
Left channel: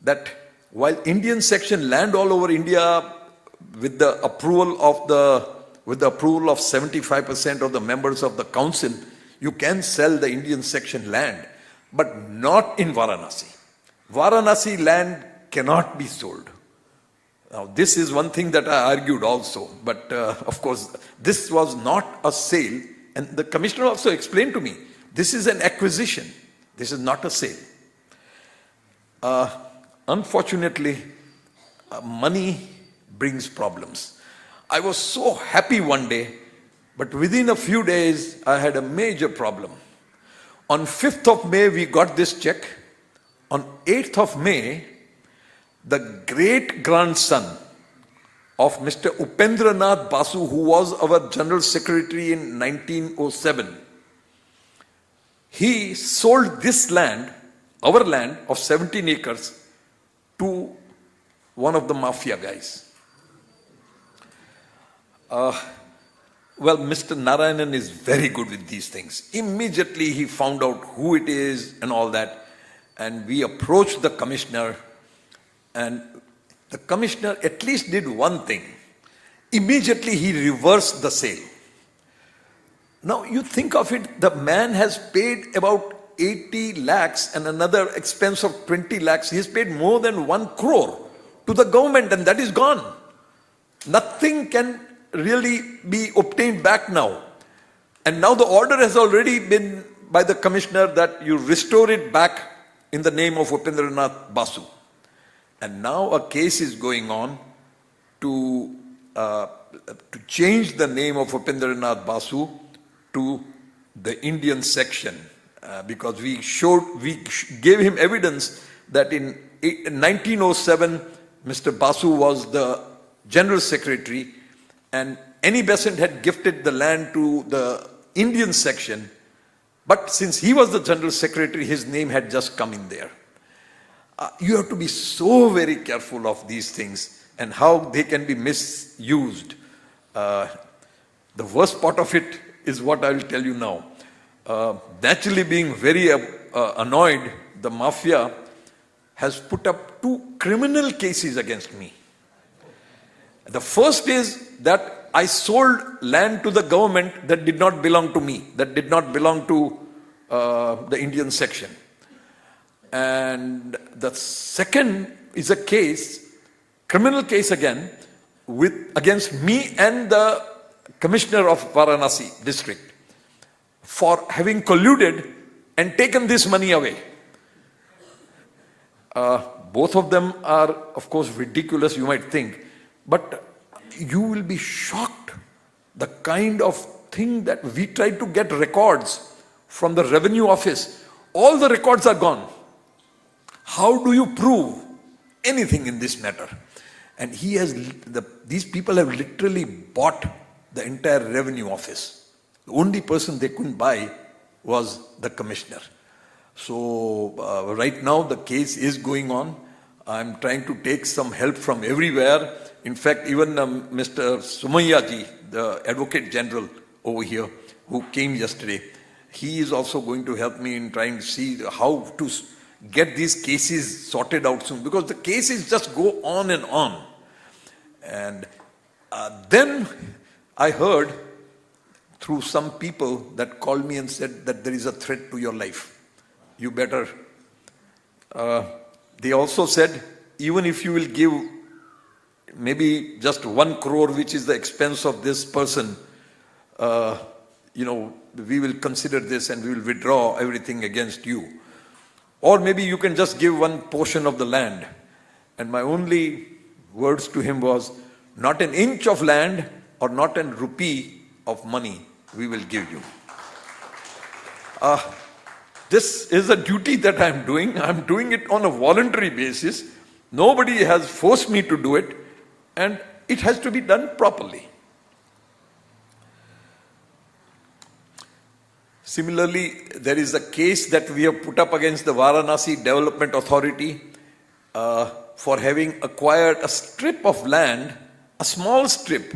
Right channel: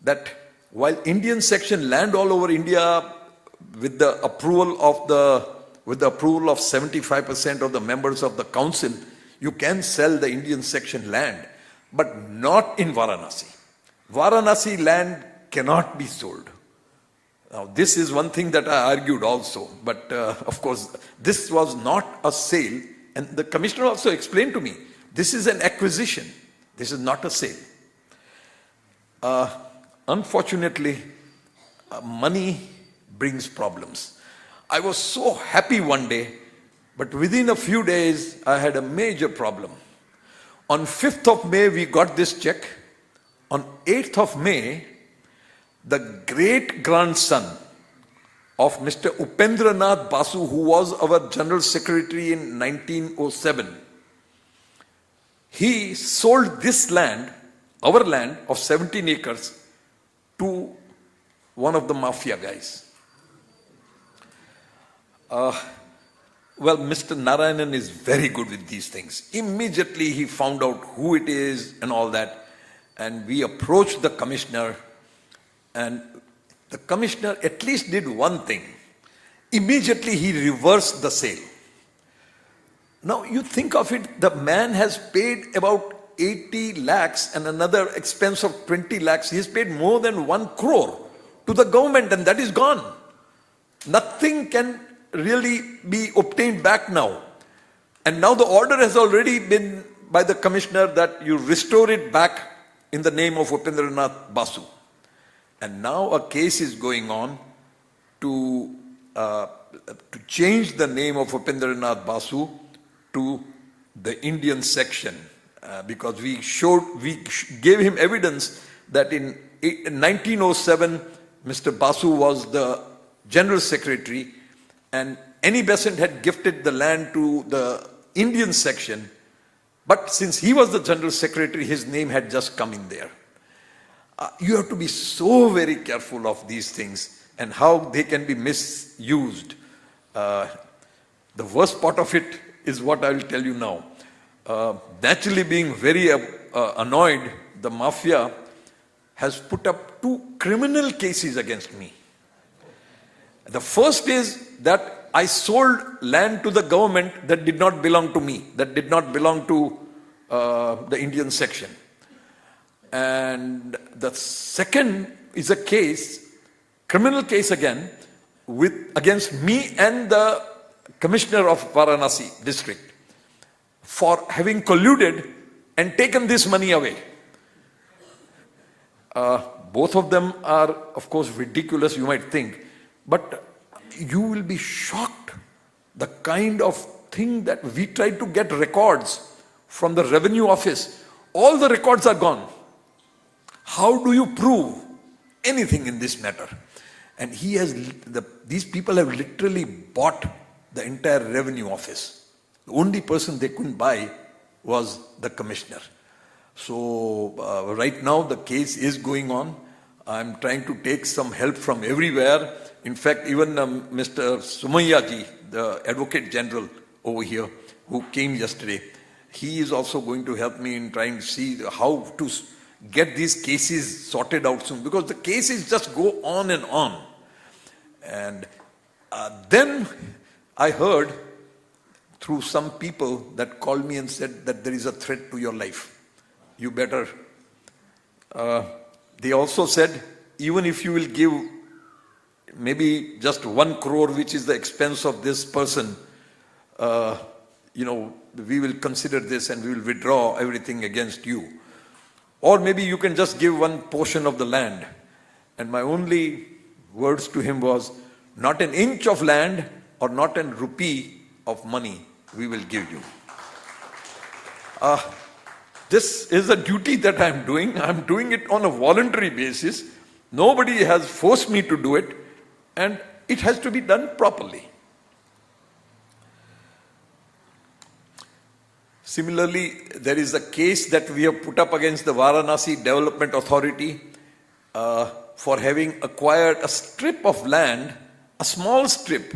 that while Indian section land all over India with the approval of 75% of the members of the council, you can sell the Indian section land, but not in Varanasi. Varanasi land cannot be sold. Now, this is one thing that I argued also, but of course, this was not a sale, and the commissioner also explained to me, this is an acquisition, this is not a sale. Unfortunately, money brings problems. I was so happy one day, but within a few days, I had a major problem. On 5th of May, we got this check. On 8th of May, the great-grandson of Mr. Upendranath Basu, who was our General Secretary in 1907, he sold this land, our land of 17 acres, to one of the mafia guys. Well, Mr. Narayanan is very good with these things. Immediately he found out who it is and all that, and we approached the commissioner, and the commissioner at least did one thing. Immediately he reversed the sale. Now you think of it, the man has paid about 80 lakhs and another expense of 20 lakhs. He has paid more than 1 crore to the government, and that is gone. Nothing can really be obtained back now. And now the order has already been by the commissioner that you restore it back in the name of Upendranath Basu. And now a case is going on to change the name of Upendranath Basu to the Indian section. Because we gave him evidence that in 1907, Mr. Basu was the General Secretary, and Annie Besant had gifted the land to the Indian section, but since he was the General Secretary, his name had just come in there. You have to be so very careful of these things and how they can be misused. The worst part of it is what I will tell you now. Naturally being very annoyed, the mafia has put up 2 criminal cases against me. The first is that I sold land to the government that did not belong to me, that did not belong to the Indian section. And the second is a case, criminal case again, against me and the Commissioner of Varanasi district for having colluded and taken this money away. Both of them are, of course, ridiculous, you might think, but you will be shocked the kind of thing that we tried to get records from the revenue office. All the records are gone. How do you prove anything in this matter? And these people have literally bought the entire revenue office. The only person they couldn't buy was the commissioner. So right now the case is going on. I'm trying to take some help from everywhere. In fact, even Mr. Sumaya ji, the Advocate General over here, who came yesterday, he is also going to help me in trying to see how to get these cases sorted out soon, because the cases just go on and on. And then I heard through some people that called me and said that there is a threat to your life. You better. They also said, even if you will give maybe just 1 crore, which is the expense of this person, we will consider this and we will withdraw everything against you. Or maybe you can just give one portion of the land. And my only words to him was, not an inch of land or not an rupee of money we will give you. This is a duty that I'm doing. I'm doing it on a voluntary basis. Nobody has forced me to do it, and it has to be done properly. Similarly, there is a case that we have put up against the Varanasi Development Authority for having acquired a strip of land, a small strip,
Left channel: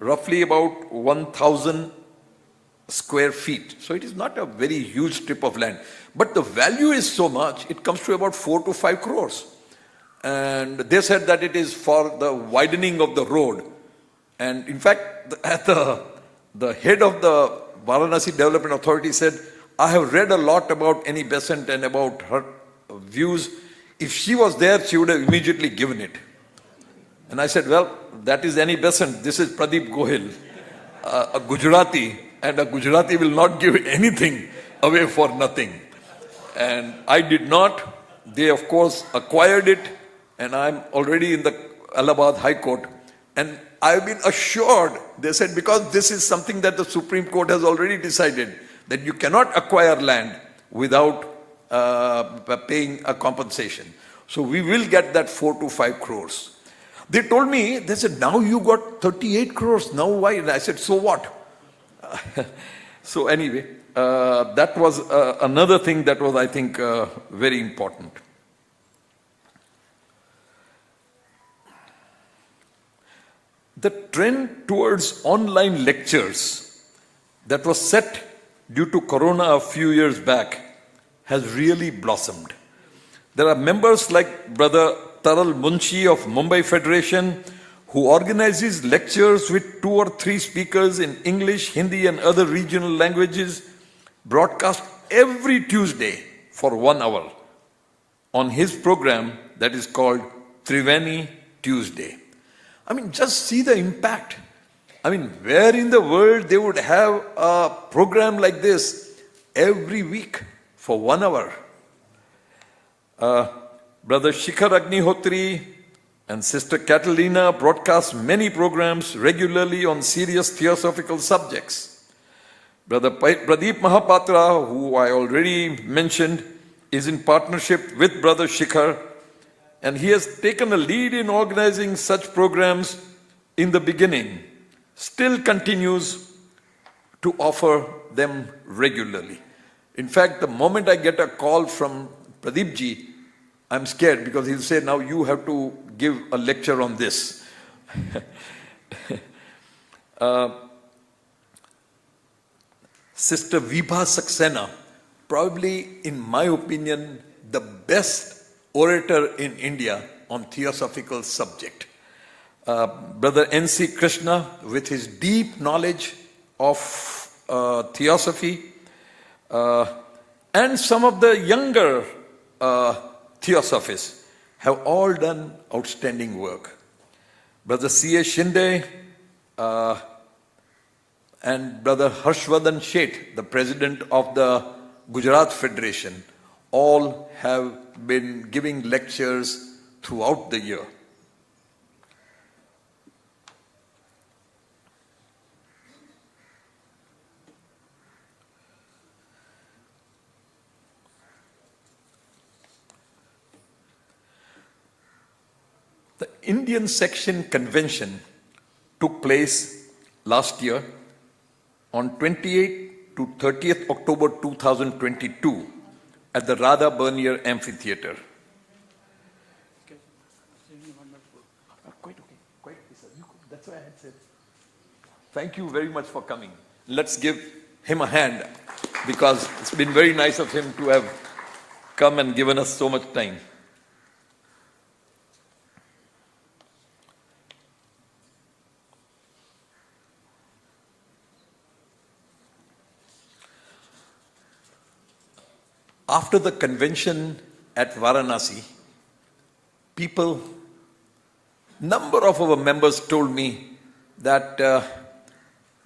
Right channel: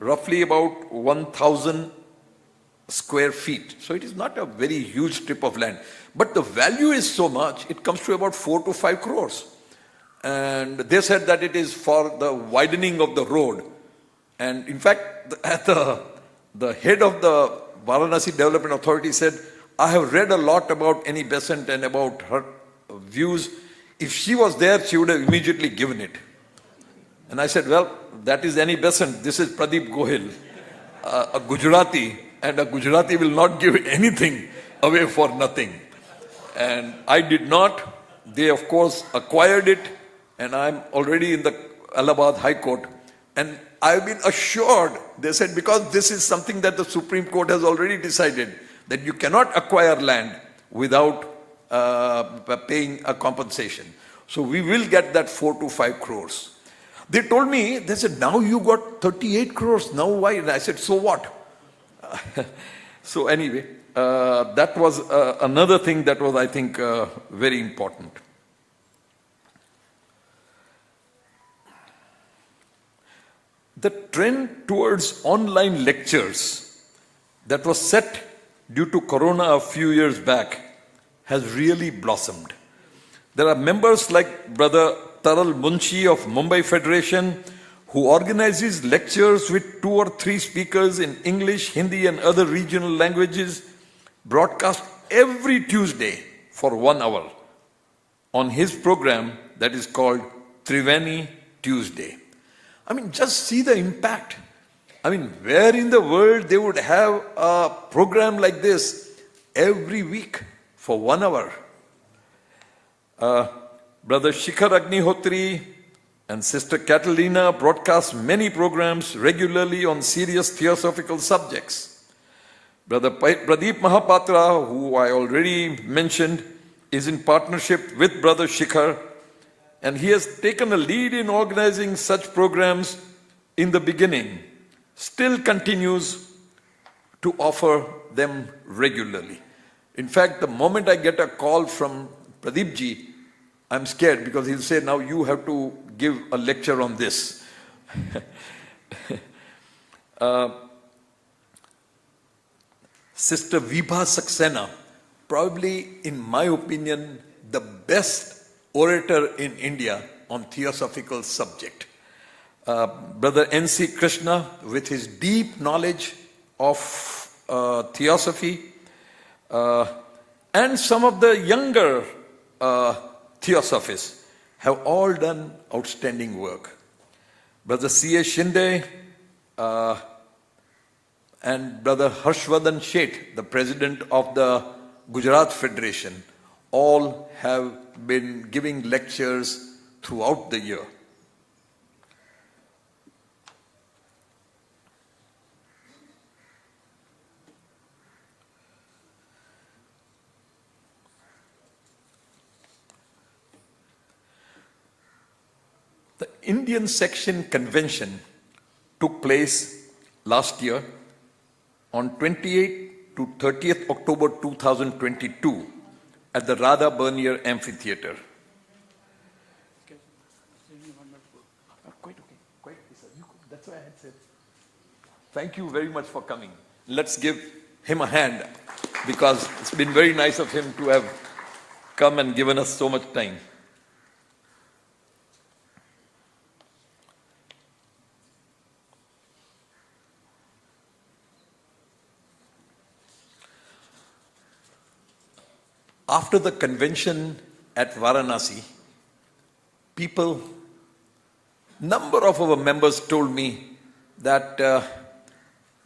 roughly about 1,000 square feet. So it is not a very huge strip of land. But the value is so much, it comes to about 4 to 5 crores. And they said that it is for the widening of the road. And in fact, the head of the Varanasi Development Authority said, I have read a lot about Annie Besant and about her views. If she was there, she would have immediately given it. And I said, well, that is Annie Besant. This is Pradeep Gohil, a Gujarati. And a Gujarati will not give anything away for nothing. And I did not. They, of course, acquired it. And I'm already in the Allahabad High Court. And I've been assured, they said, because this is something that the Supreme Court has already decided, that you cannot acquire land without paying a compensation. So we will get that 4 to 5 crores. They told me, they said, now you got 38 crores. Now why? And I said, so what? So anyway, that was another thing that was, I think, very important. The trend towards online lectures that was set due to Corona a few years back has really blossomed. There are members like Brother Taral Munshi of Mumbai Federation, who organizes lectures with 2 or 3 speakers in English, Hindi and other regional languages, broadcast every Tuesday for 1 hour on his program that is called Triveni Tuesday. I mean, just see the impact. I mean, where in the world they would have a program like this every week for 1 hour? Brother Shikhar Agnihotri and Sister Catalina broadcast many programs regularly on serious theosophical subjects. Brother Pradeep Mahapatra, who I already mentioned, is in partnership with Brother Shikhar, and he has taken a lead in organizing such programs in the beginning, still continues to offer them regularly. In fact, the moment I get a call from Pradeep ji, I'm scared because he'll say, now you have to give a lecture on this. Sister Vibha Saxena, probably, in my opinion, the best orator in India on theosophical subject. Brother N.C. Krishna, with his deep knowledge of theosophy, and some of the younger theosophists have all done outstanding work. Brother C.A. Shinde and Brother Harshvardhan Sheth, the president of the Gujarat Federation, all have been giving lectures throughout the year. The Indian Section Convention took place last year on 28th to 30th October 2022 at the Radha Bernier Amphitheatre. That's what I had said. Thank you very much for coming. Let's give him a hand, because it's been very nice of him to have come and given us so much time. After the convention at Varanasi, number of our members told me that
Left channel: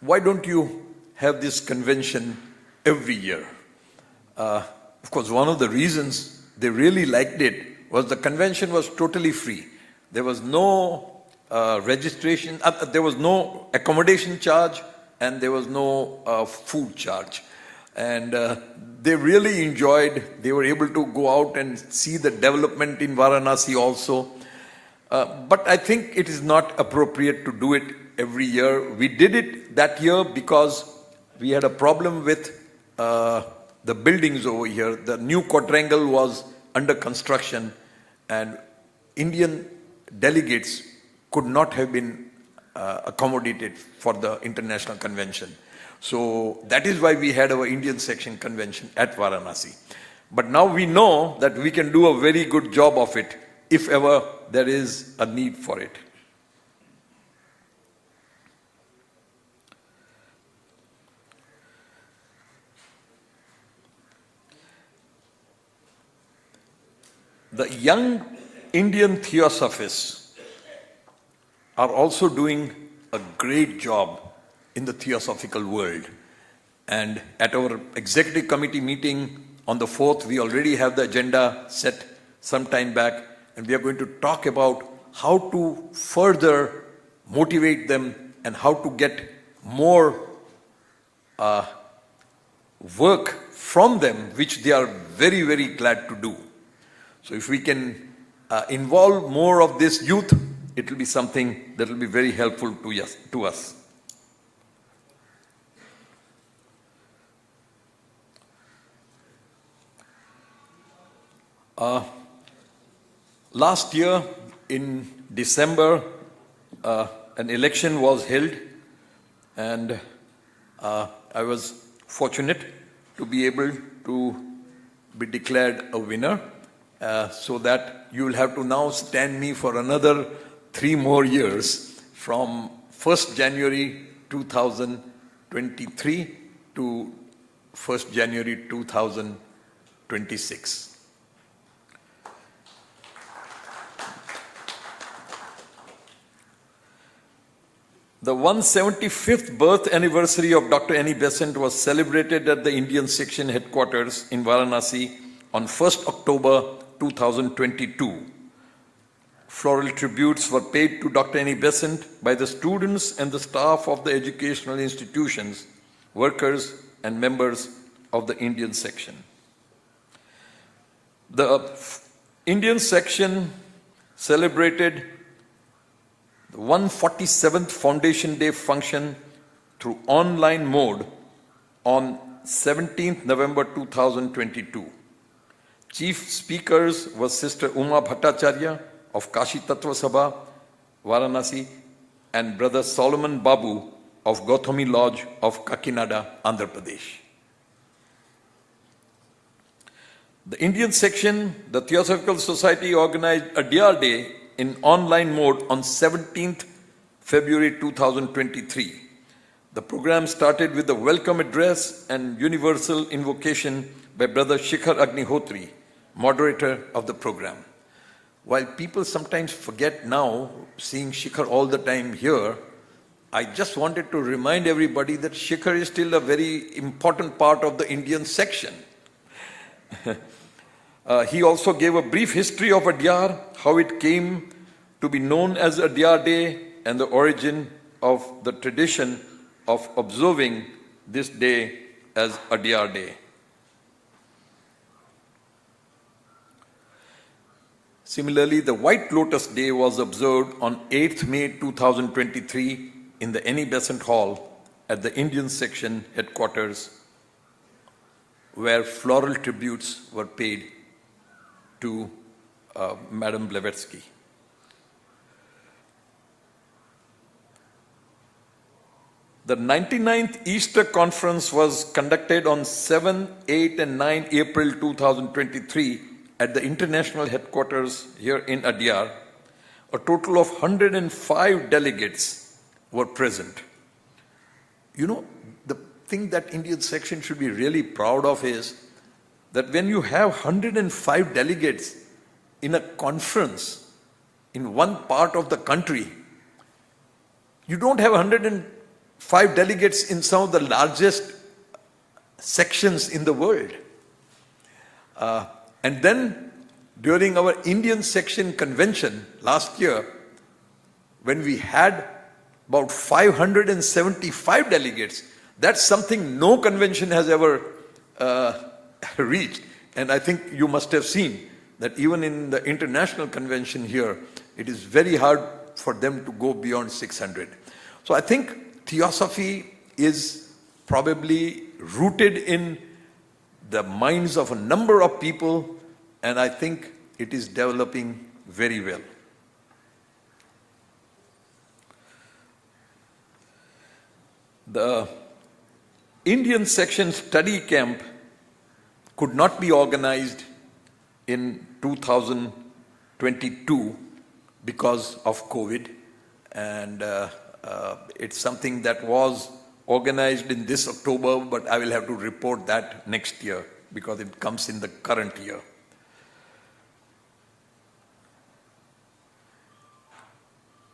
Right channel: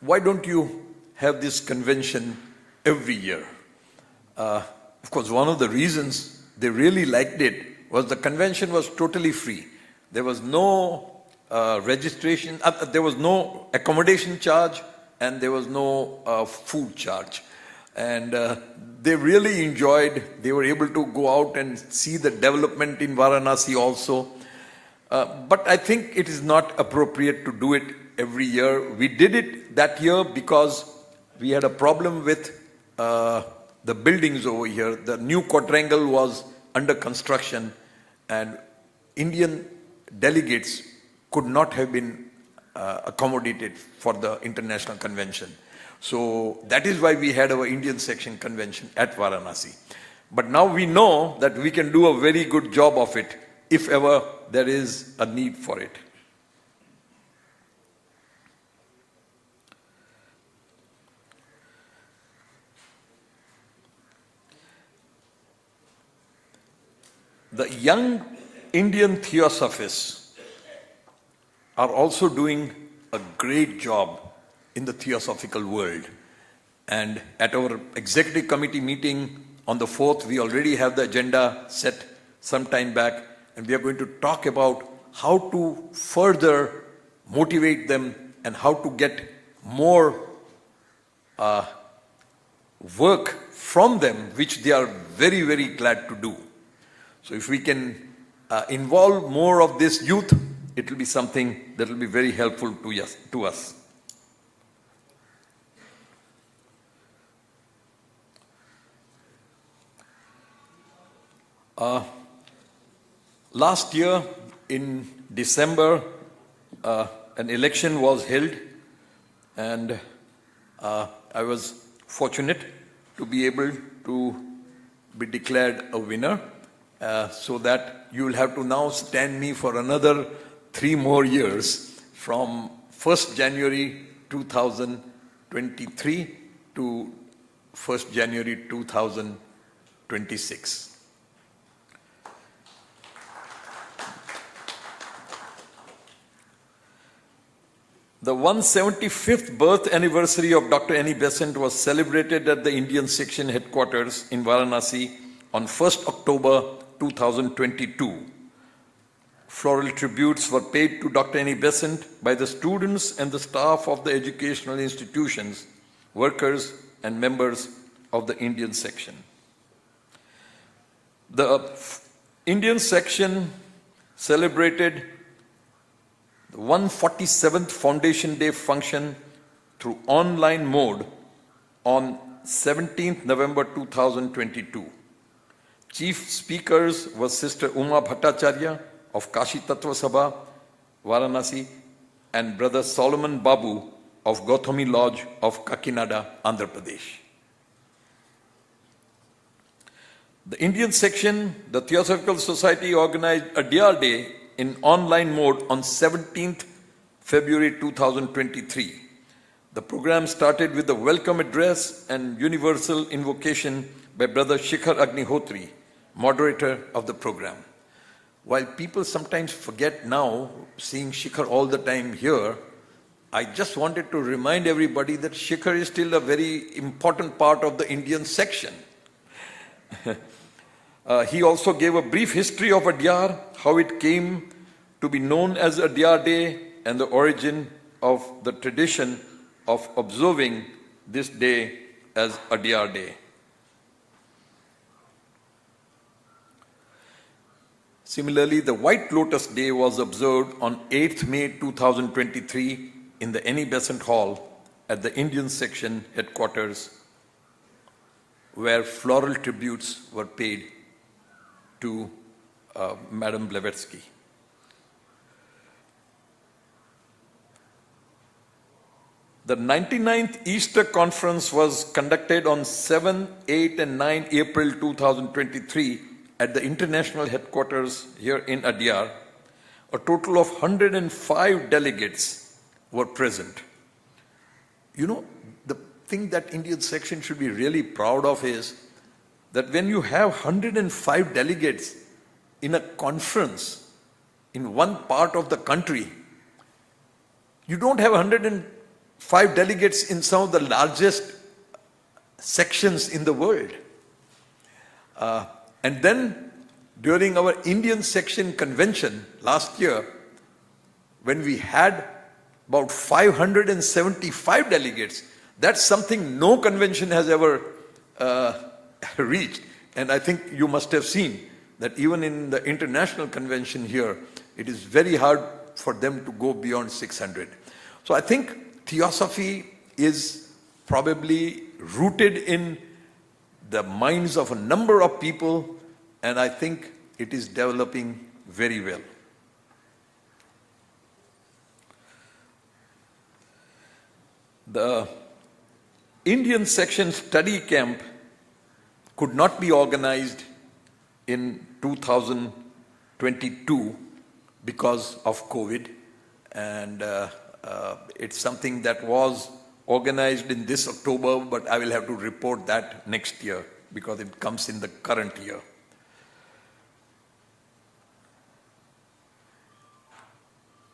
why don't you have this convention every year. Of course, one of the reasons they really liked it was the convention was totally free. There was no registration, there was no accommodation charge, and there was no food charge. And they really enjoyed, they were able to go out and see the development in Varanasi also. But I think it is not appropriate to do it every year. We did it that year because we had a problem with the buildings over here. The new quadrangle was under construction, and Indian delegates could not have been accommodated for the international convention. So that is why we had our Indian section convention at Varanasi. But now we know that we can do a very good job of it if ever there is a need for it. The young Indian theosophists are also doing a great job in the theosophical world. And at our executive committee meeting on the 4th, we already have the agenda set some time back, and we are going to talk about how to further motivate them and how to get more work from them, which they are very, very glad to do. So if we can involve more of this youth, it will be something that will be very helpful to us. Last year in December, an election was held, and I was fortunate to be able to be declared a winner, so that you will have to now stand me for another 3 more years from 1st January 2023 to 1st January 2026. The 175th birth anniversary of Dr. Annie Besant was celebrated at the Indian section headquarters in Varanasi on 1st October 2022. Floral tributes were paid to Dr. Annie Besant by the students and the staff of the educational institutions, workers and members of the Indian section. The Indian section celebrated the 147th Foundation Day function through online mode on 17th November 2022. Chief speakers were Sister Uma Bhattacharya of Kashi Tattva Sabha, Varanasi, and Brother Solomon Babu of Gautami Lodge of Kakinada, Andhra Pradesh. The Indian section, the Theosophical Society, organized a DR Day in online mode on 17th February 2023. The program started with a welcome address and universal invocation by Brother Shikhar Agnihotri, moderator of the program. While people sometimes forget now, seeing Shikhar all the time here, I just wanted to remind everybody that Shikhar is still a very important part of the Indian section. He also gave a brief history of Adyar, how it came to be known as Adyar Day, and the origin of the tradition of observing this day as Adyar Day. Similarly, the White Lotus Day was observed on 8th May 2023 in the Annie Besant Hall at the Indian section headquarters, where floral tributes were paid to Madam Blavatsky. The 99th Easter Conference was conducted on 7, 8 and 9 April 2023 at the international headquarters here in Adyar. A total of 105 delegates were present. You know, the thing that Indian section should be really proud of is that when you have 105 delegates in a conference in one part of the country, you don't have 105 5 delegates in some of the largest sections in the world. And then during our Indian section convention last year, when we had about 575 delegates, that's something no convention has ever reached. And I think you must have seen that even in the international convention here, it is very hard for them to go beyond 600. So I think Theosophy is probably rooted in the minds of a number of people, and I think it is developing very well. The Indian section study camp could not be organized in 2022 because of COVID, and it's something that was organized in this October, but I will have to report that next year because it comes in the current year.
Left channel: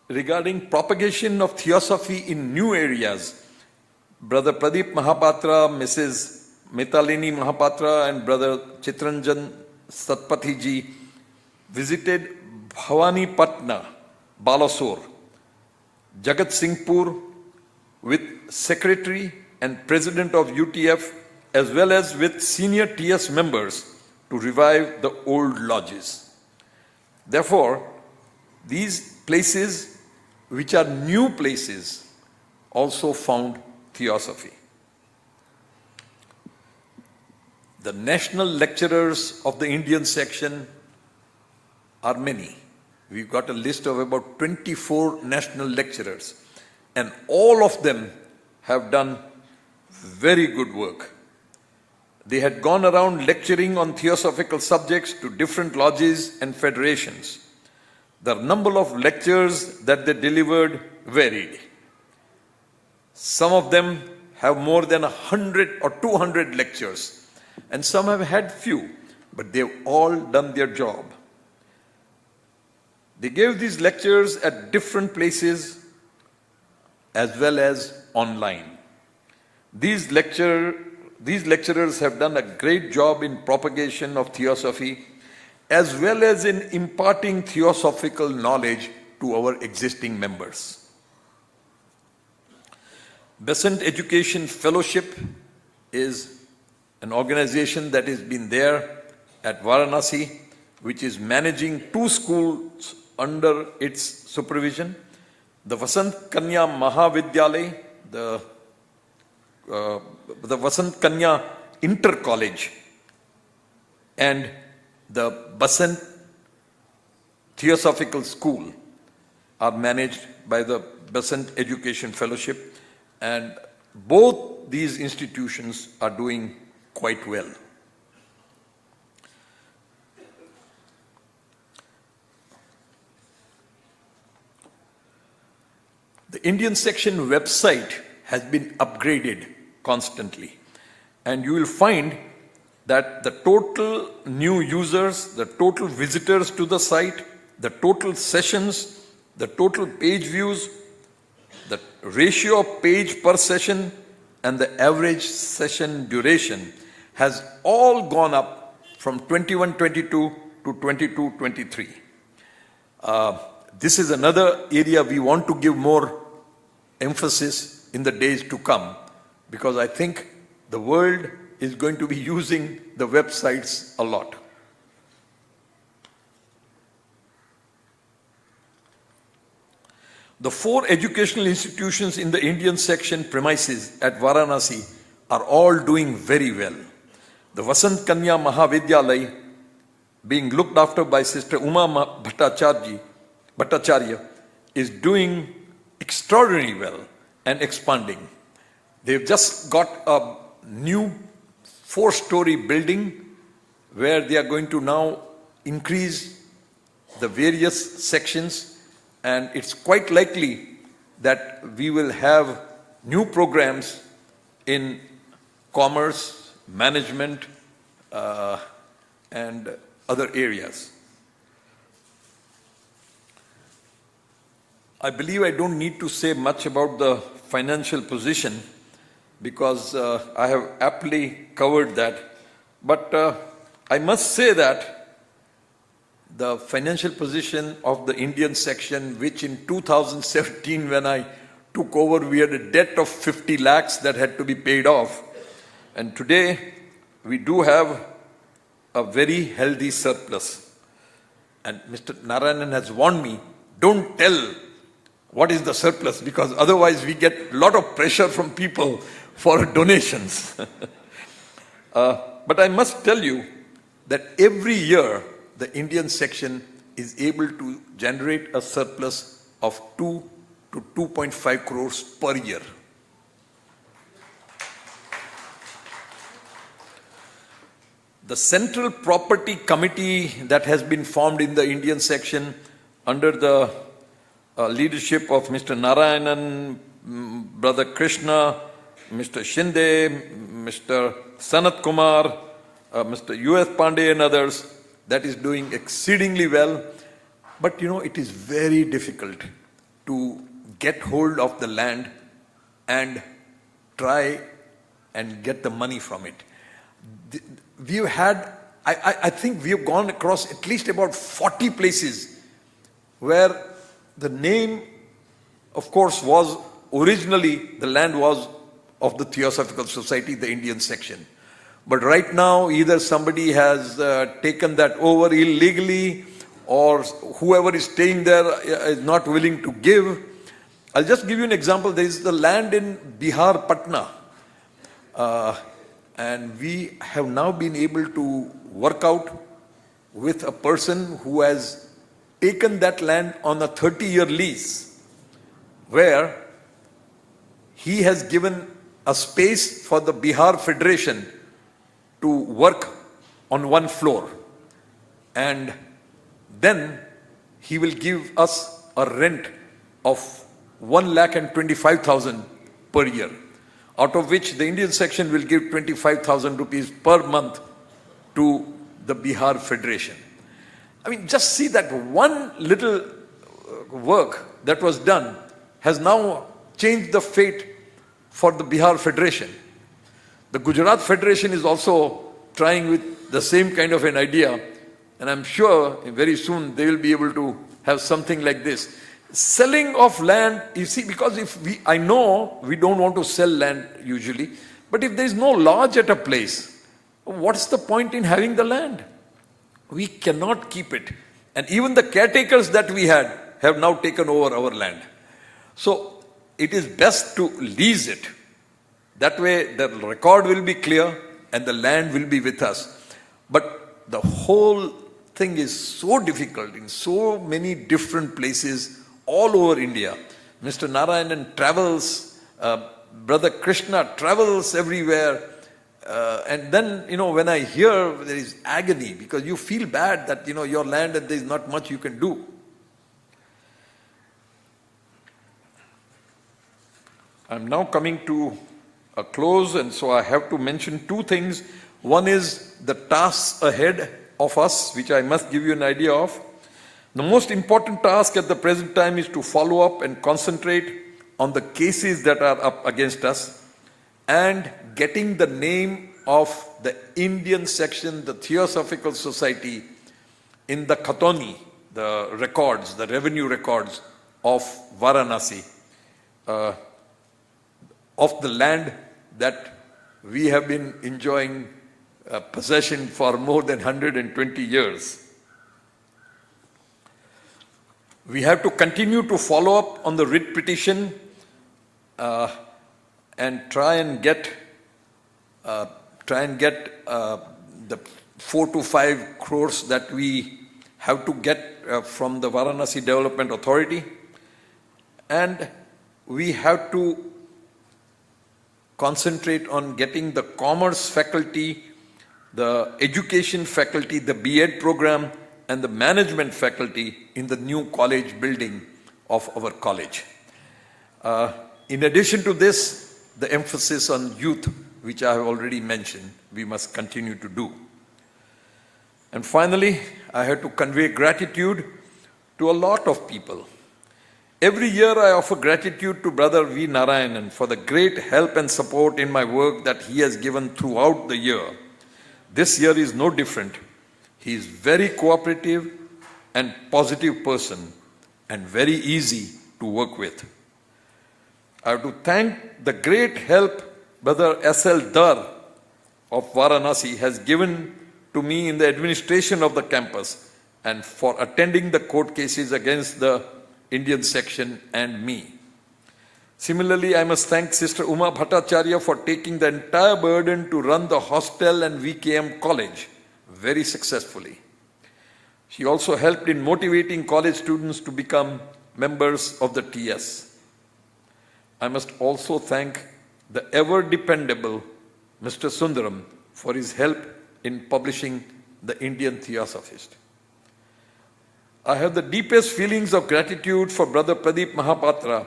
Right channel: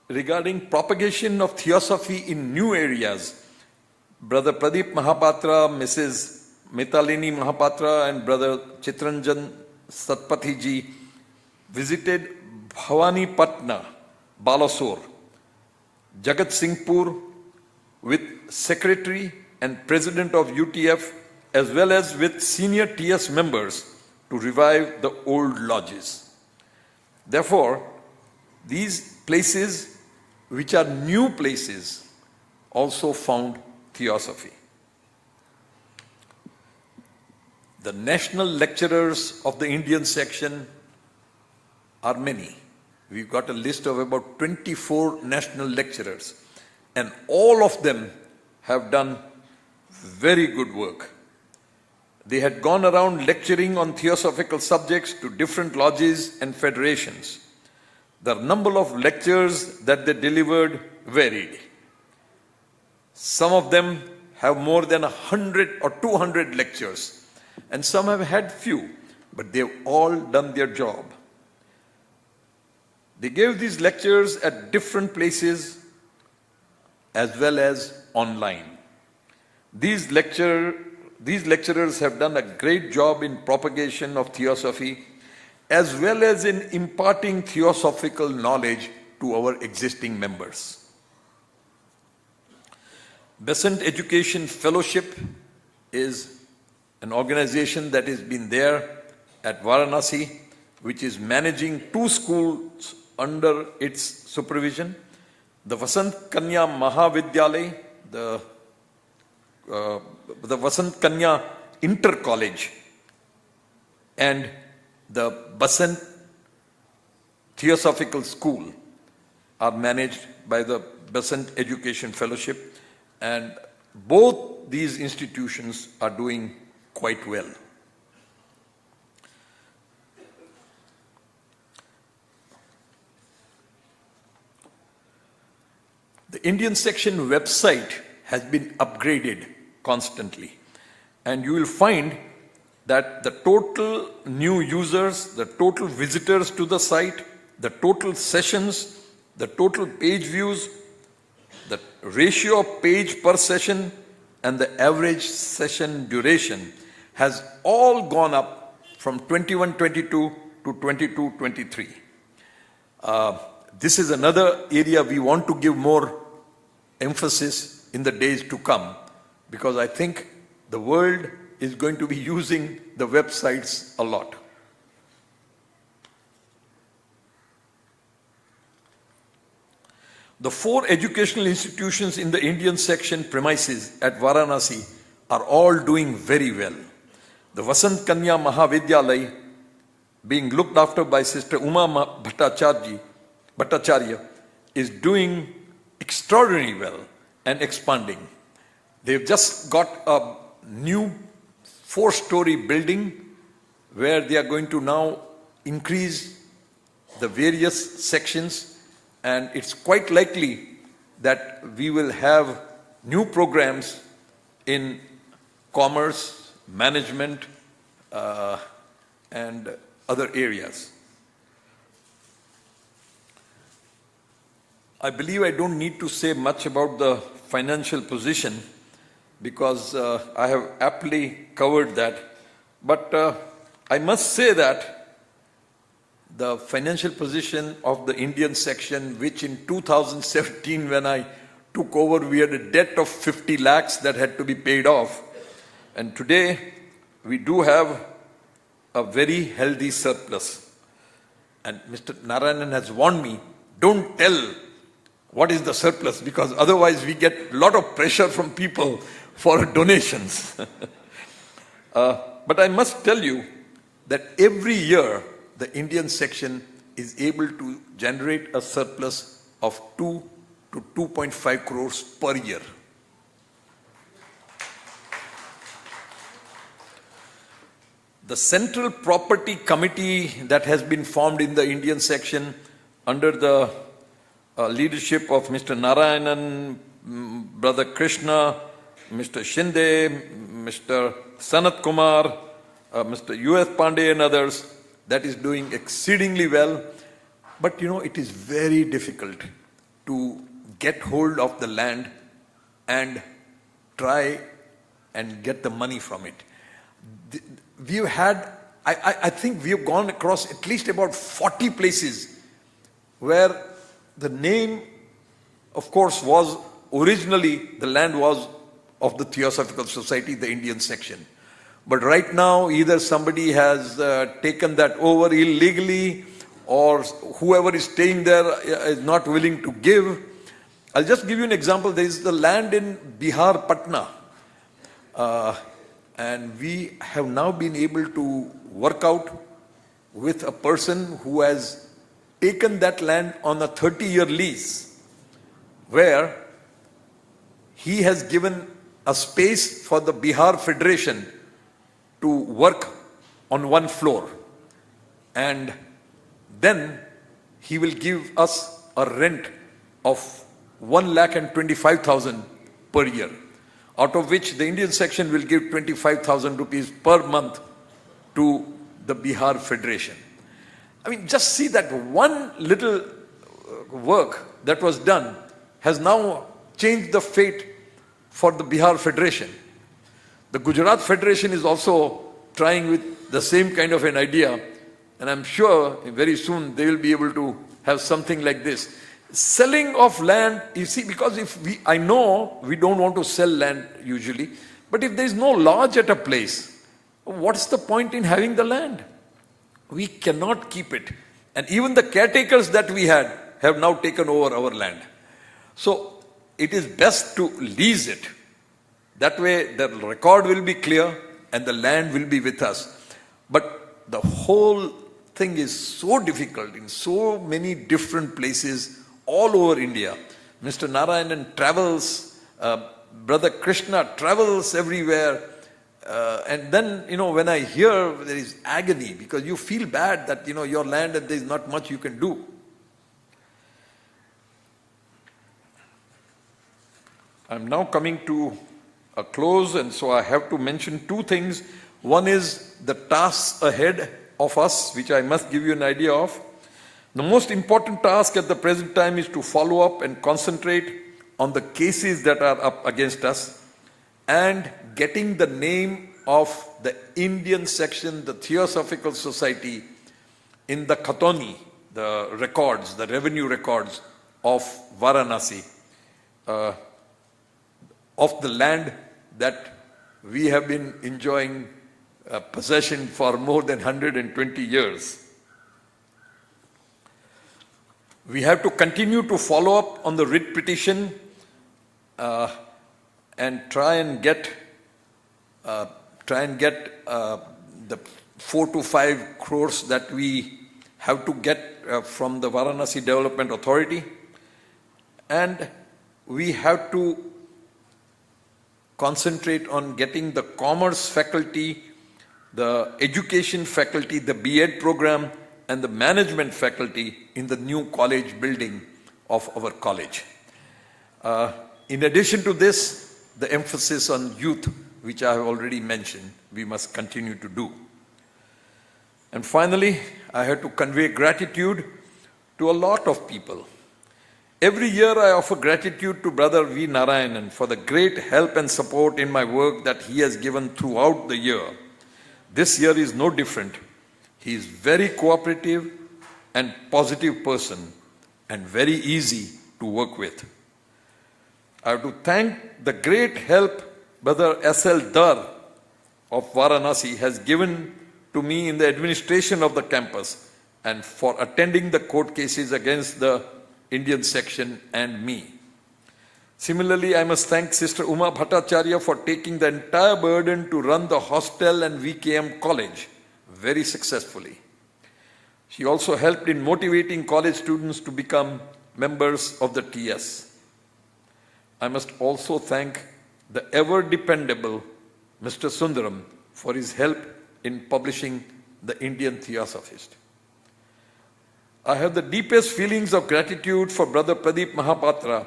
Regarding propagation of Theosophy in new areas, Brother Pradeep Mahapatra, Mrs. Metalini Mahapatra, and Brother Chitranjan Satpathy ji visited Bhavani Patna, Balasore, Jagat Singhpur with Secretary and President of UTF, as well as with senior TS members to revive the old lodges. Therefore, these places, which are new places, also found Theosophy. The national lecturers of the Indian section are many. We've got a list of about 24 national lecturers, and all of them have done very good work. They had gone around lecturing on theosophical subjects to different lodges and federations. The number of lectures that they delivered varied. Some of them have more than 100 or 200 lectures, and some have had few, but they've all done their job. They gave these lectures at different places as well as online. These lecturers have done a great job in propagation of Theosophy as well as in imparting theosophical knowledge to our existing members. Besant Education Fellowship is an organization that has been there at Varanasi, which is managing 2 schools under its supervision. The Vasant Kanya Mahavidyalay, the Vasant Kanya Inter College, and the Basant Theosophical School are managed by the Besant Education Fellowship, and both these institutions are doing quite well. The Indian section website has been upgraded constantly, and you will find that the total new users, the total visitors to the site, the total sessions, the total page views, the ratio of page per session, and the average session duration has all gone up from 21-22 to 22-23. This is another area we want to give more emphasis in the days to come, because I think the world is going to be using the websites a lot. The 4 educational institutions in the Indian section premises at Varanasi are all doing very well. The Vasant Kanya Mahavidyalay, being looked after by Sister Uma Bhattacharya, is doing extraordinarily well and expanding. They've just got a new 4-story building where they are going to now increase the various sections, and it's quite likely that we will have new programs in commerce, management, and other areas. I believe I don't need to say much about the financial position because I have aptly covered that. But I must say that the financial position of the Indian section, which in 2017 when I took over, we had a debt of 50 lakhs that had to be paid off. And today we do have a very healthy surplus. And Mr. Narayanan has warned me, don't tell what is the surplus, because otherwise we get a lot of pressure from people for donations. But I must tell you that every year the Indian section is able to generate a surplus of 2 to 2.5 crores per year. The Central Property Committee that has been formed in the Indian section under the leadership of Mr. Narayanan, Brother Krishna, Mr. Shinde, Mr. Sanat Kumar, Mr. U.S. Pandey and others, that is doing exceedingly well. But you know, it is very difficult to get hold of the land and try and get the money from it. We've had, I think we have gone across at least about 40 places where the name, of course, was originally, the land was of the Theosophical Society, the Indian section. But right now, either somebody has taken that over illegally, or whoever is staying there is not willing to give. I'll just give you an example. There is the land in Bihar, Patna. And we have now been able to work out with a person who has taken that land on a 30-year lease, where he has given a space for the Bihar Federation to work on one floor. And then he will give us a rent of 1,25,000 per year, out of which the Indian section will give 25,000 rupees per month to the Bihar Federation. I mean, just see that one little work that was done has now changed the fate for the Bihar Federation. The Gujarat Federation is also trying with the same kind of an idea, and I'm sure very soon they will be able to have something like this. Selling of land, you see, because I know we don't want to sell land usually, but if there is no lodge at a place, what's the point in having the land? We cannot keep it. And even the caretakers that we had have now taken over our land. So it is best to lease it. That way the record will be clear and the land will be with us. But the whole thing is so difficult in so many different places all over India. Mr. Narayanan travels, Brother Krishna travels everywhere. And then, you know, when I hear there is agony, because you feel bad that, you know, your land and there is not much you can do. I'm now coming to a close, and so I have to mention two things. One is the tasks ahead of us, which I must give you an idea of. The most important task at the present time is to follow up and concentrate on the cases that are up against us and getting the name of the Indian section, the Theosophical Society, in the Khatoni, the records, the revenue records of Varanasi, of the land that we have been enjoying possession for more than 120 years. We have to continue to follow up on the writ petition and try and get the 4 to 5 crores that we have to get from the Varanasi Development Authority. And we have to concentrate on getting the commerce faculty, the education faculty, the B.Ed program, and the management faculty in the new college building of our college. In addition to this, the emphasis on youth, which I have already mentioned, we must continue to do. And finally, I have to convey gratitude to a lot of people. Every year I offer gratitude to Brother V. Narayanan for the great help and support in my work that he has given throughout the year. This year is no different. He is very cooperative and positive person and very easy to work with. I have to thank the great help Brother S.L. Dar of Varanasi has given to me in the administration of the campus and for attending the court cases against the Indian section and me. Similarly, I must thank Sister Uma Bhattacharya for taking the entire burden to run the hostel and VKM college very successfully. She also helped in motivating college students to become members of the TS. I must also thank the ever-dependable Mr. Sundaram for his help in publishing the Indian Theosophist. I have the deepest feelings of gratitude for Brother Pradeep Mahapatra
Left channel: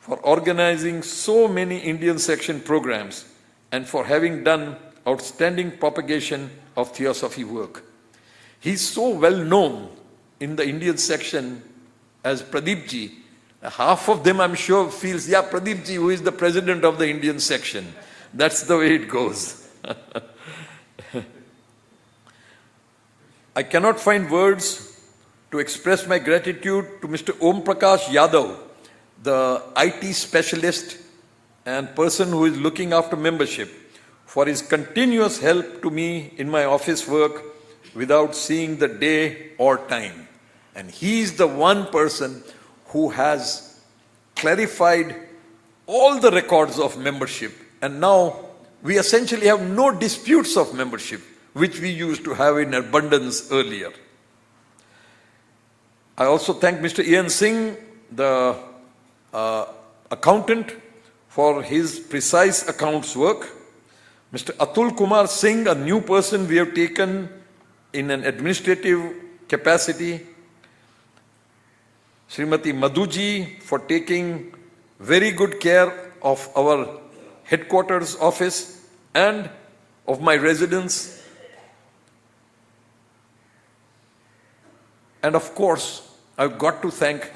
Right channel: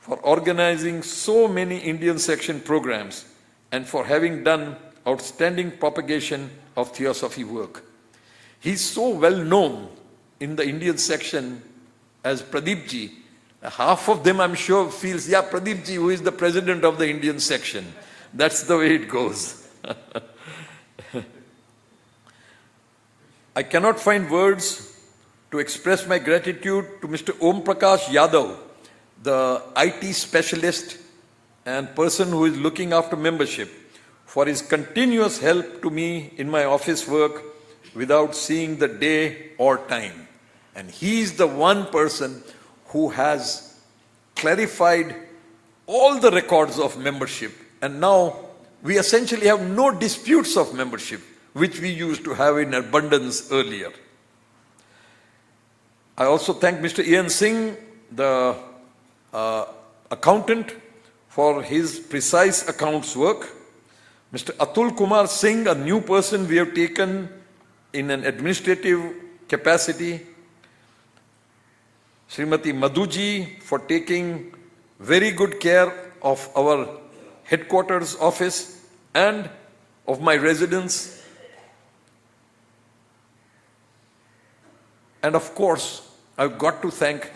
for organizing so many Indian section programs and for having done outstanding propagation of Theosophy work. He's so well known in the Indian section as Pradeep ji. Half of them, I'm sure, feels, yeah, Pradeep ji, who is the president of the Indian section. That's the way it goes. I cannot find words to express my gratitude to Mr. Om Prakash Yadav, the IT specialist and person who is looking after membership, for his continuous help to me in my office work without seeing the day or time. And he is the one person who has clarified all the records of membership. And now we essentially have no disputes of membership, which we used to have in abundance earlier. I also thank Mr. Ian Singh, the accountant, for his precise accounts work. Mr. Atul Kumar Singh, a new person we have taken in an administrative capacity. Srimati Madhuji for taking very good care of our headquarters office and of my residence. And of course, I've got to thank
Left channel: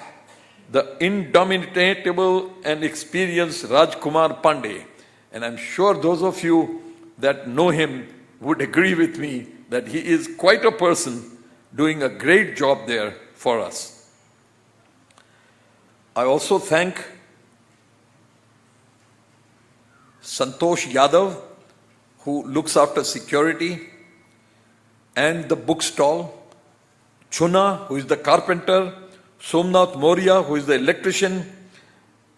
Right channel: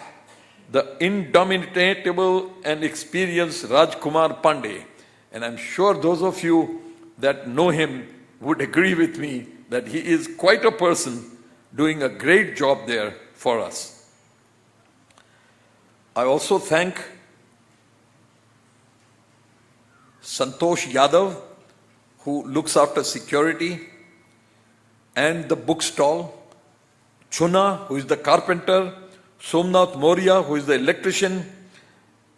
the indomitable and experienced Rajkumar Pandey. And I'm sure those of you that know him would agree with me that he is quite a person doing a great job there for us. I also thank Santosh Yadav, who looks after security and the bookstall, Chuna, who is the carpenter, Somnath Moria, who is the electrician,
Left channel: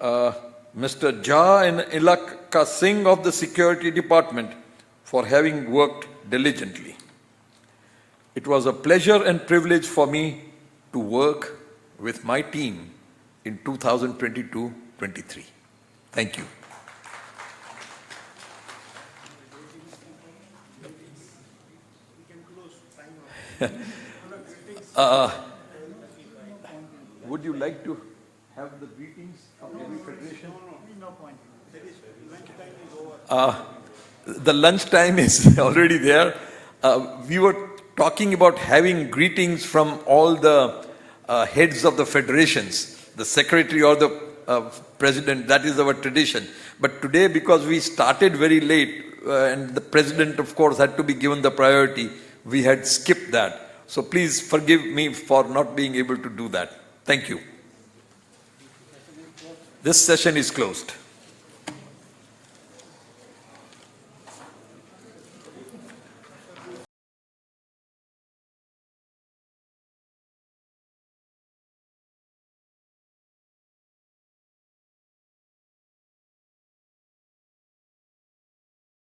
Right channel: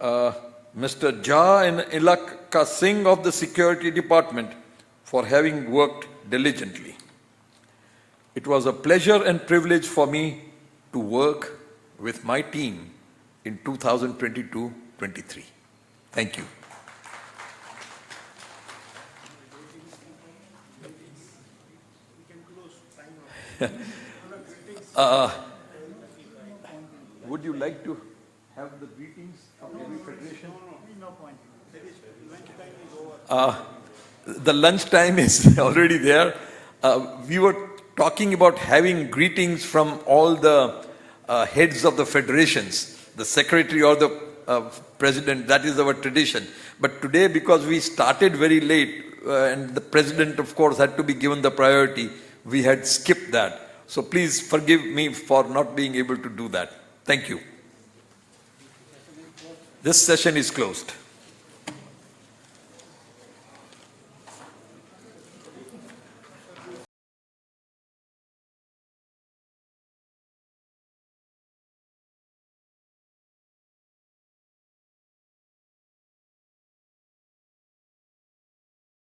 Mr. Jha and Ilaka Singh of the security department for having worked diligently. It was a pleasure and privilege for me to work with my team in 2022-23. Thank you. Would you like to have the greetings of every federation? No point. The lunch time is already there. We were talking about having greetings from all the heads of the federations, the secretary or the president. That is our tradition. But today, because we started very late and the president, of course, had to be given the priority, we had skipped that. So please forgive me for not being able to do that. Thank you. This session is closed.